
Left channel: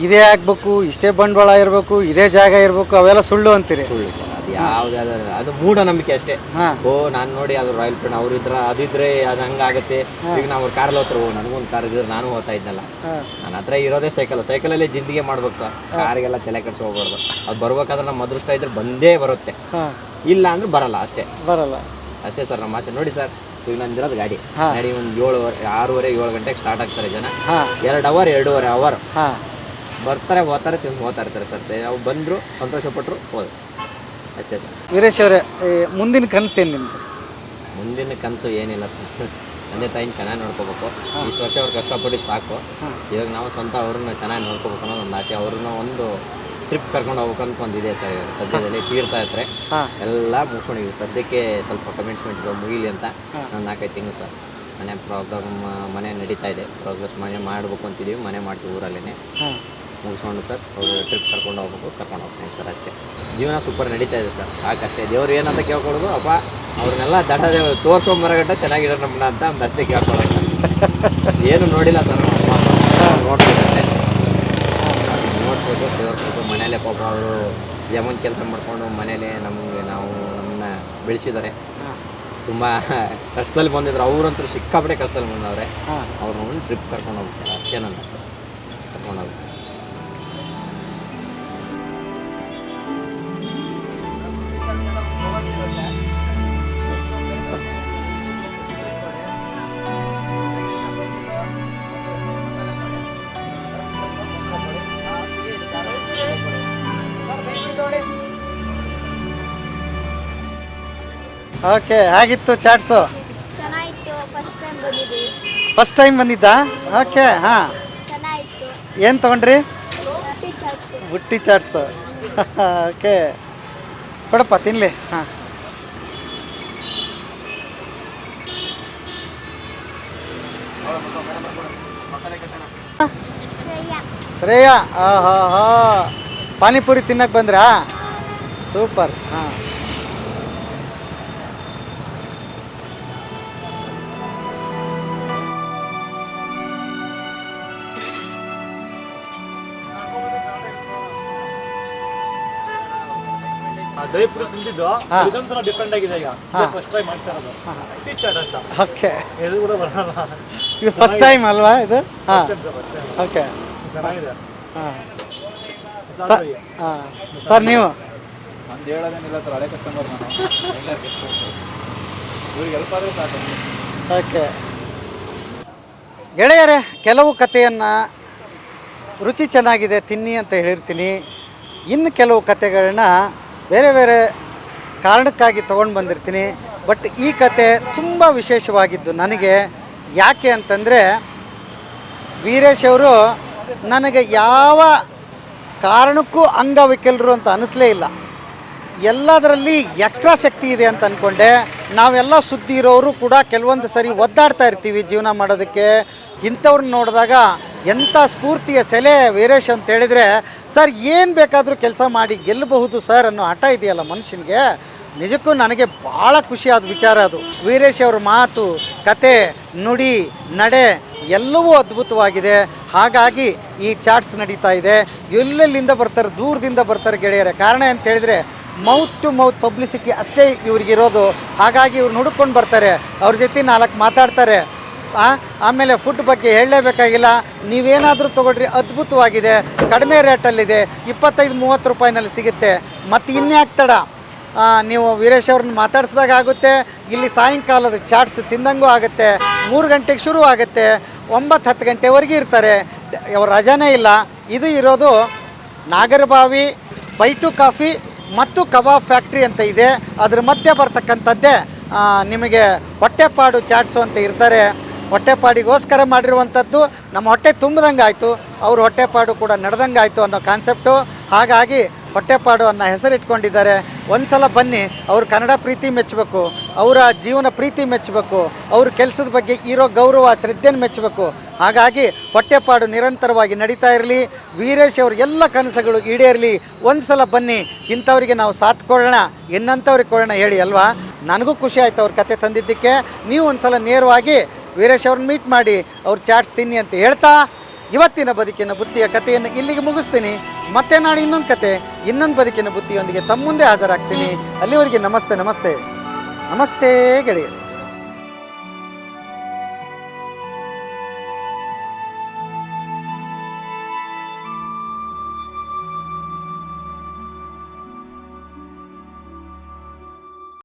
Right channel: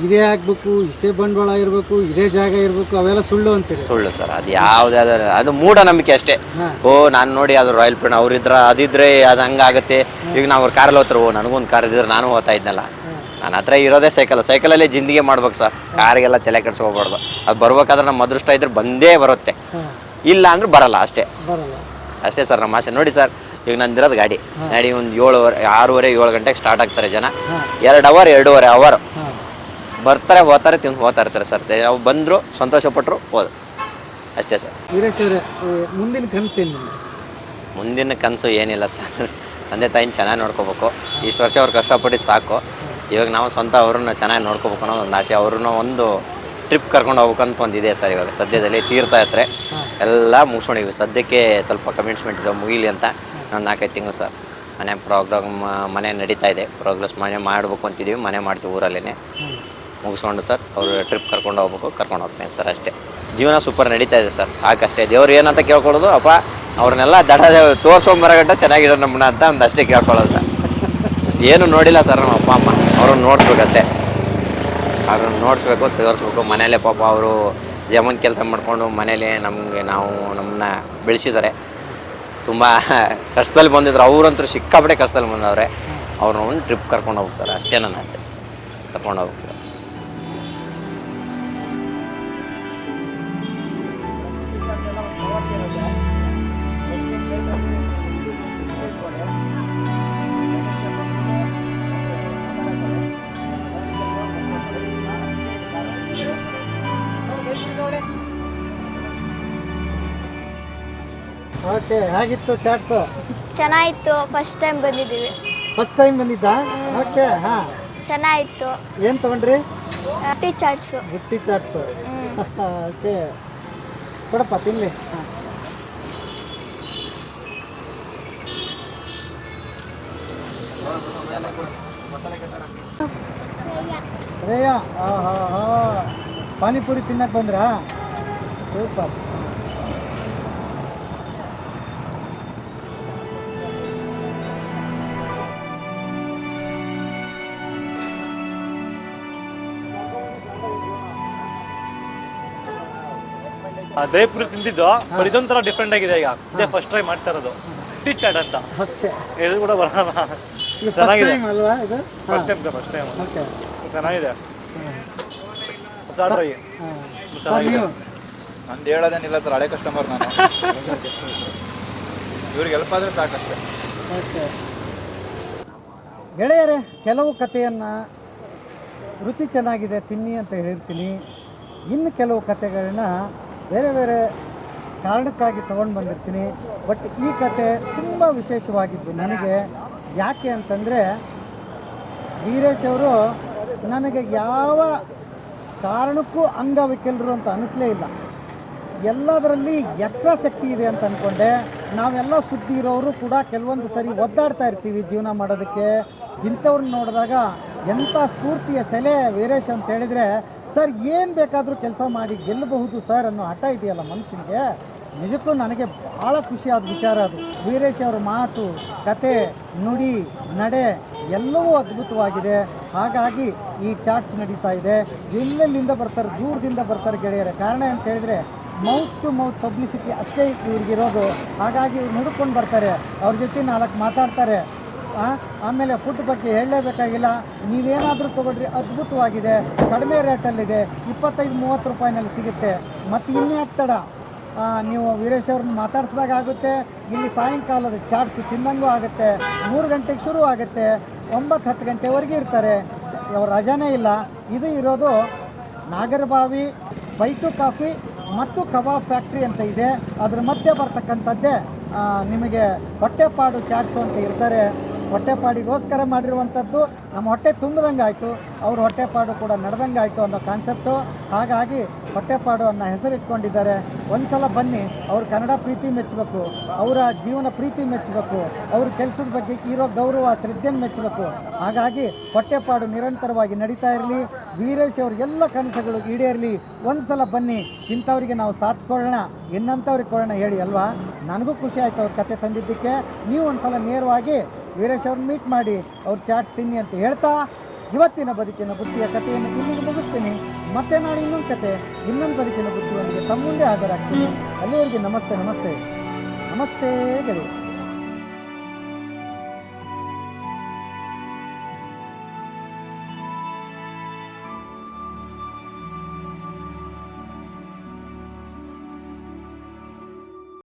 ಇದೇ ಆಗ್ಬೇಕು ಇಷ್ಟೇ ಬಂಡವಾಳ ಇರಬೇಕು ಇದೇ ಜಾಗ ಇರಬೇಕು ಅವೆಲ್ಲ ಸುಳ್ಳು ಅಂತೀರಿ. ಸುಳ್ಳು ಸರ್ ಅದು ಯಾವುದೇ ಅದು ಮೂಢನಂಬಿಕೆ ಅಷ್ಟೇ. ಹಾಂ. ಓ ನಾನು ನೋಡಿ ಅದು ರಾಯಲ್ ಪ್ಲೇನ್ ಅವ್ರಿದ್ರ ಅದಿದ್ರೆ ಅದು ಹಂಗಾಗತ್ತೆ ಈಗ ನಾವು ಅವ್ರ ಕಾರಲ್ಲಿ ಹೋಗ್ತಾರೆ ಓ ನನಗೊಂದು ಕಾರ್ ಇದ್ರೆ ನಾನು ಹೋಗ್ತಾ ಇದ್ನಲ್ಲ. ಹಾಂ. ನನ್ನ ಹತ್ರ ಇರೋದೇ ಸೈಕಲ್ ಸೈಕಲಲ್ಲೇ ಜಿಂದಿಗೆ ಮಾಡ್ಬೇಕು ಸರ್. ಕಾರಿಗೆಲ್ಲ ತಲೆ ಕೆಡ್ಸ್ಕೋಬಾರ್ದು. ಅದು ಬರ್ಬೇಕಾದ್ರೆ ನಮ್ಮ ಅದೃಷ್ಟ ಇದ್ರೆ ಬಂದೇ ಬರುತ್ತೆ. ಹಾಂ. ಇಲ್ಲ ಅಂದ್ರೆ ಬರಲ್ಲ ಅಷ್ಟೇ. ಬರಲ್ಲ. ಅಷ್ಟೇ ಸರ್ ನಮ್ಮ ಆಸೆ. ನೋಡಿ ಸರ್ ಈಗ ನಂದಿರೋದು ಗಾಡಿ. ಗಾಡಿ ಒಂದು ಏಳುವರೆ ಆರೂವರೆ ಏಳು ಗಂಟೆಗೆ ಸ್ಟಾರ್ಟ್ ಆಗ್ತಾರೆ ಜನ. ಹಾಂ. ಎರಡು ಅವರ್ ಎರಡೂವರೆ ಅವರ್ ಹಾಂ. ಬರ್ತಾರೆ ಹೋಗ್ತಾರೆ ತಿಂದು ಹೋಗ್ತಾ ಇರ್ತಾರೆ ಸರ್. ಅವ್ರು ಬಂದರು ಸಂತೋಷಪಟ್ಟರು ಹೋದ್ರು. ಅಷ್ಟೇ ಸರ್. ವೀರೇಶ್ ಅವರೇ ಈ ಮುಂದಿನ ಕನಸು ಏನು ನಿಮ್ಮದು ಮುಂದಿನ ಕನಸು ಏನಿಲ್ಲ ಸರ್. ತಂದೆ ತಾಯಿನ ಚೆನ್ನಾಗಿ ನೋಡ್ಕೋಬೇಕು. ಇಷ್ಟು ವರ್ಷ ಅವ್ರು ಕಷ್ಟಪಟ್ಟು ಸಾಕು. ಇವಾಗ ನಾವು ಸ್ವಂತ ಅವ್ರನ್ನ ಚೆನ್ನಾಗಿ ನೋಡ್ಕೋಬೇಕು ಅನ್ನೋ ಒಂದು ಆಸೆ ಅವ್ರನ್ನ ಒಂದು ಟ್ರಿಪ್ ಕರ್ಕೊಂಡು ಹೋಗ್ಬೇಕಂತ ಒಂದು ಇದೆ ಸರ್ ಇವಾಗ. ಸದ್ಯದಲ್ಲಿ ತೀರ್ಥಯಾತ್ರೆ ಇರ್ತಾರೆ ಎಲ್ಲ ಮುಗಿಸ್ಕೊಂಡಿವಿ ಸದ್ಯಕ್ಕೆ ಸ್ವಲ್ಪ ಕಮಿಟ್ಮೆಂಟ್ ಇದೆ ಮುಗಿಲಿ ಅಂತ ನಾವು ನಾಲ್ಕೈದು ತಿಂಗಳು ಸರ್. ಮನೆ ಪ್ರೋಗ್ರಾಮ್ ಮನೆ ನಡೀತಾ ಇದೆ. ಪ್ರೋಗ್ರೆಸ್ ಮನೆ ಮಾಡಬೇಕು ಅಂತಿದ್ದೀವಿ ಮನೆ ಮಾಡ್ತೀವಿ ಊರಲ್ಲೇ ಮುಗಿಸ್ಕೊಂಡು ಸರ್ ಅವರು ಟ್ರಿಪ್ ಕರ್ಕೊಂಡು ಹೋಗ್ಬೇಕು ಕರ್ಕೊಂಡು ಹೋಗ್ತೇನೆ ಸರ್ ಅಷ್ಟೇ. ಜೀವನ ಸೂಪರ್ ನಡೀತಾ ಇದೆ ಸರ್ ಸಾಕಷ್ಟೇ ದೇವ್ರು ಏನಂತ ಕೇಳ್ಕೊಳ್ಳೋದು ಅಪ್ಪ ಅವ್ರನ್ನೆಲ್ಲ ದಡ ಬರಗಟ್ಟ ಚೆನ್ನಾಗಿರೋ ನಮ್ಮನ್ನ ಅಂತ ಒಂದು ಅಷ್ಟೇ ಕೇಳ್ಕೊಳ್ಳೋದು ಸರ್. ಏನು ನೋಡಿಲ್ಲ ಸರ್ ನಮ್ಮ ಅಪ್ಪ ಅಮ್ಮ. ಅವ್ರನ್ನ ನೋಡ್ಸ್ಬೇಕಷ್ಟೇ. ಅವ್ರನ್ನ ನೋಡಿಸ್ಬೇಕು ತೋರಿಸ್ಬೇಕು. ಮನೇಲೆ ಪಾಪ ಅವರು ಜಮನ್ ಕೆಲಸ ಮಾಡಿಕೊಂಡು ಮನೇಲಿ ನಮಗೆ ನಾವು ನಮ್ಮನ್ನ ಬೆಳೆಸಿದ್ದಾರೆ. ತುಂಬ ಕಷ್ಟದಲ್ಲಿ ಬಂದಿದ್ರು. ಅವರಂತೂ ಸಿಕ್ಕಾಪಟ್ಟೆ ಕಷ್ಟದಲ್ಲಿ ಬಂದವ್ರೆ. ಅವ್ರನ್ನ ಒಂದು ಟ್ರಿಪ್ ಕರ್ಕೊಂಡು ಹೋಗ್ತಾರೆ ಅಷ್ಟೇ ನನ್ನ ಆಸೆ. ಕರ್ಕೊಂಡು ಹೋಗ್ಬೇಕು. ಓಕೆ ಹೇಗಿತ್ತು ಚಾಟ್ಸು ಚೆನ್ನಾಗಿತ್ತು ಫಸ್ಟ್ ಟೈಮ್ ಬಂದಿದ್ದೀವಿ. ಫಸ್ಟ್ ಟೈಮ್ ಬಂದಿದ್ದಾ? ಓಕೆ ಹಾ. ಚೆನ್ನಾಗಿತ್ತು. ಏನು ತೊಗೊಂಡ್ರಿ? ಚಾಟ್ಸ್ ಬುಟ್ಟಿ ಚಾಟ್ಸ್ ಓಕೆ ಕೊಡಪ್ಪ ತಿನ್ಲಿ. ಹಾಂ. ಶ್ರೇಯ. ಆಹಾ ಹಾ ಪಾನಿಪುರಿ ತಿನ್ನಕ್ಕೆ ಬಂದ್ರಾ? ಸೂಪರ್ ಹಾಂ. ಬೇಪುರಿ ತಿಂದಿದ್ದು ಇದೊಂಥರ ಡಿಫ್ರೆಂಟ್ ಆಗಿದೆ ಈಗ. ಫಸ್ಟ್ ಟ್ರೈ ಮಾಡ್ತಾ ಇರೋದು. ಟಿಚ್ ಚಾಟ್ ಅಂತ. ಓಕೆ ಇದು ಕೂಡ ಬರೋಣ. ಇದು ಫಸ್ಟ್ ಟೈಮ್ ಅಲ್ವಾ ಇದು? ಓಕೆ ಚೆನ್ನಾಗಿದೆ. ಸರ್ ನೀವು? ಅಂತ ಹೇಳೋದೇನಿಲ್ಲ ಸರ್ ಹಳೆ ಕಸ್ಟಮರ್ ನಾನು. ಇವ್ರಿಗೆ ಹೆಲ್ಪ್ ಆದರೆ ಸಾಕು ಓಕೆ ಗೆಳೆಯರೇ ಕೆಲವು ಕಥೆಯನ್ನು ರುಚಿ ಚೆನ್ನಾಗಿದೆ ತಿನ್ನಿ ಅಂತ ಹೇಳಿರ್ತೀನಿ. ಇನ್ನು ಕೆಲವು ಕಥೆಗಳನ್ನ ಬೇರೆ ಬೇರೆ ಕಾರಣಕ್ಕಾಗಿ ತೊಗೊಂಡು ಬಂದಿರ್ತೀನಿ. ಬಟ್ ಈ ಕತೆ ತುಂಬ ವಿಶೇಷವಾಗಿದ್ದು ನನಗೆ. ಯಾಕೆ ಅಂತಂದರೆ, ವೀರೇಶ್ ಅವರು ನನಗೆ ಯಾವ ಕಾರಣಕ್ಕೂ ಅಂಗವಿಕಲರು ಅಂತ ಅನಿಸ್ಲೇ ಇಲ್ಲ. ಎಲ್ಲದರಲ್ಲಿ ಎಕ್ಸ್ಟ್ರಾ ಶಕ್ತಿ ಇದೆ ಅಂತ ಅಂದ್ಕೊಂಡೆ ನಾವೆಲ್ಲ ಸುದ್ದಿ ಇರೋರು ಕೂಡ ಕೆಲವೊಂದು ಸರಿ ಒದ್ದಾಡ್ತಾ ಇರ್ತೀವಿ ಜೀವನ ಮಾಡೋದಕ್ಕೆ. ಇಂಥವ್ರನ್ನ ನೋಡಿದಾಗ ಎಂಥ ಸ್ಫೂರ್ತಿಯ ಸೆಲೆ ವೀರೇಶ್ ಅಂತ ಹೇಳಿದರೆ ಸರ್, ಏನು ಬೇಕಾದರೂ ಕೆಲಸ ಮಾಡಿ ಗೆಲ್ಲಬಹುದು ಸರ್ ಅನ್ನೋ ಹಠ ಇದೆಯಲ್ಲ ಮನುಷ್ಯನಿಗೆ? ನಿಜಕ್ಕೂ ನನಗೆ ಭಾಳ ಖುಷಿಯಾದ ವಿಚಾರ ಅದು. ವೀರೇಶ್ ಅವರ ಮಾತು, ಕತೆ, ನುಡಿ, ನಡೆ ಎಲ್ಲವೂ ಅದ್ಭುತವಾಗಿದೆ. ಹಾಗಾಗಿ ಈ ಚಾಟ್ಸ್ ನಡೀತಾ ಇದೆ. ಎಲ್ಲೆಲ್ಲಿಂದ ಬರ್ತಾರೆ, ದೂರದಿಂದ ಬರ್ತಾರೆ ಗೆಳೆಯರೆ? ಕಾರಣ ಅಂತ ಹೇಳಿದರೆ ಮೌತ್ ಟು ಮೌತ್ ಪಬ್ಲಿಸಿಟಿ ಅಷ್ಟೇ ಇವ್ರಿಗಿರೋದು. ಹಾಗಾಗಿ ಇವ್ರು ಹುಡುಕೊಂಡು ಬರ್ತಾರೆ. ಅವ್ರ ಜೊತೆ ನಾಲ್ಕು ಮಾತಾಡ್ತಾರೆ. ಆಮೇಲೆ ಫುಡ್ ಬಗ್ಗೆ ಹೇಳಲೇಬೇಕಾಗಿಲ್ಲ. ನೀವೇನಾದರೂ ತೊಗೊಳ್ರಿ, ಅದ್ಭುತವಾಗಿದೆ. ಕಡಿಮೆ ರೇಟಲ್ಲಿದೆ, ಇಪ್ಪತ್ತೈದು, ಮೂವತ್ತು ರೂಪಾಯಿನಲ್ಲಿ ಸಿಗುತ್ತೆ. ಮತ್ತು ಇನ್ಯಾಕೆ ತಡ? ನೀವು ವೀರೇಶ್ ಅವ್ರನ್ನ ಮಾತಾಡ್ಸಿದಾಗ ಆಗುತ್ತೆ, ಇಲ್ಲಿ ಸಾಯಂಕಾಲದ ಚಾಟ್ಸ್ ತಿಂದಂಗೂ ಆಗುತ್ತೆ, ಮೂರು ಗಂಟೆಗೆ ಶುರು ಆಗುತ್ತೆ, ಒಂಬತ್ತು, ಹತ್ತು ಗಂಟೆವರೆಗೆ ಇರ್ತಾರೆ. ಅವ್ರ ರಜಾನೇ ಇಲ್ಲ. ಇದು ಇರೋದು ನಾಗರಬಾವಿ, ಬೈಟು ಕಾಫಿ ಮತ್ತು ಕಬಾಬ್ ಫ್ಯಾಕ್ಟ್ರಿ ಅಂತ ಇದೆ. ಅದ್ರ ಮಧ್ಯೆ ಬರ್ತಕ್ಕಂಥದ್ದೇ ನಿಮಗೆ ಹೊಟ್ಟೆಪಾಡು ಚಾಟ್ಸು ಅಂತ ಇರ್ತಾರೆ. ಹೊಟ್ಟೆಪಾಡಿಗೋಸ್ಕರ ಮಾಡಿರುವಂಥದ್ದು ನಮ್ಮ ಹೊಟ್ಟೆ ತುಂಬಿದಂಗೆ ಆಯಿತು ಅವ್ರ ಹೊಟ್ಟೆಪಾಡು ಕೂಡ ನಡೆದಂಗೆ ಆಯಿತು ಅನ್ನೋ ಕಾನ್ಸೆಪ್ಟು ಹಾಗಾಗಿ ಹೊಟ್ಟೆಪಾಡು ಅನ್ನೋ ಹೆಸರಿಟ್ಕೊಂಡಿದ್ದಾರೆ. ಒಂದು ಸಲ ಬನ್ನಿ, ಅವ್ರ ಕನ್ನಡ ಪ್ರೀತಿ ಮೆಚ್ಚಬೇಕು, ಅವರ ಜೀವನ ಪ್ರೀತಿ ಮೆಚ್ಚಬೇಕು, ಅವ್ರ ಕೆಲಸದ ಬಗ್ಗೆ ಇರೋ ಗೌರವ, ಶ್ರದ್ಧೆಯನ್ನು ಮೆಚ್ಚಬೇಕು. ಹಾಗಾಗಿ ಹೊಟ್ಟೆಪಾಡು ನಿರಂತರವಾಗಿ ನಡೀತಾ ಇರಲಿ, ವೀರೇಶ್ ಅವ್ರ ಎಲ್ಲ ಕನಸುಗಳು ಈಡೇರಲಿ. ಒಂದು ಸಲ ಬನ್ನಿ, ಇಂಥವ್ರಿಗೆ ನಾವು ಸಾಥ್ ಕೊಡೋಣ ಇನ್ನಂಥವ್ರಿಗೆ ಕೊಡೋಣ ಹೇಳಿ ಅಲ್ವಾ? ನನಗೂ ಖುಷಿ ಆಯಿತು ಅವ್ರ ಕತೆ ತಂದಿದ್ದಕ್ಕೆ. ನೀವು ಒಂದು ಸಲ ನೇರವಾಗಿ ವೀರೇಶ್ ಅವ್ರನ್ನ ಮೀಟ್ ಮಾಡಿ ಅವ್ರು ಚಾಟ್ಸ್ ತಿನ್ನಿ ಅಂತ ಹೇಳ್ತಾ, ಇವತ್ತಿನ ಬದುಕಿನ ಬುದ್ಧಿಯ ಕಥೆಯನ್ನು ಇಲ್ಲಿಗೆ ಮುಗಿಸ್ತೀನಿ. ಮತ್ತೆ ನಾಳೆ ಇನ್ನೊಂದು ಕತೆ, ಇನ್ನೊಂದು ಬದುಕಿನ ಬುದ್ಧಿಯೊಂದಿಗೆ ತಮ್ಮ ಮುಂದೆ ಹಾಜರಾಗ್ತೀನಿ. ಅಲ್ಲಿವರೆಗೆ ನಮಸ್ತೆ ನಮಸ್ತೆ. ನಮಸ್ತೆ ಗೆಳೆಯರು.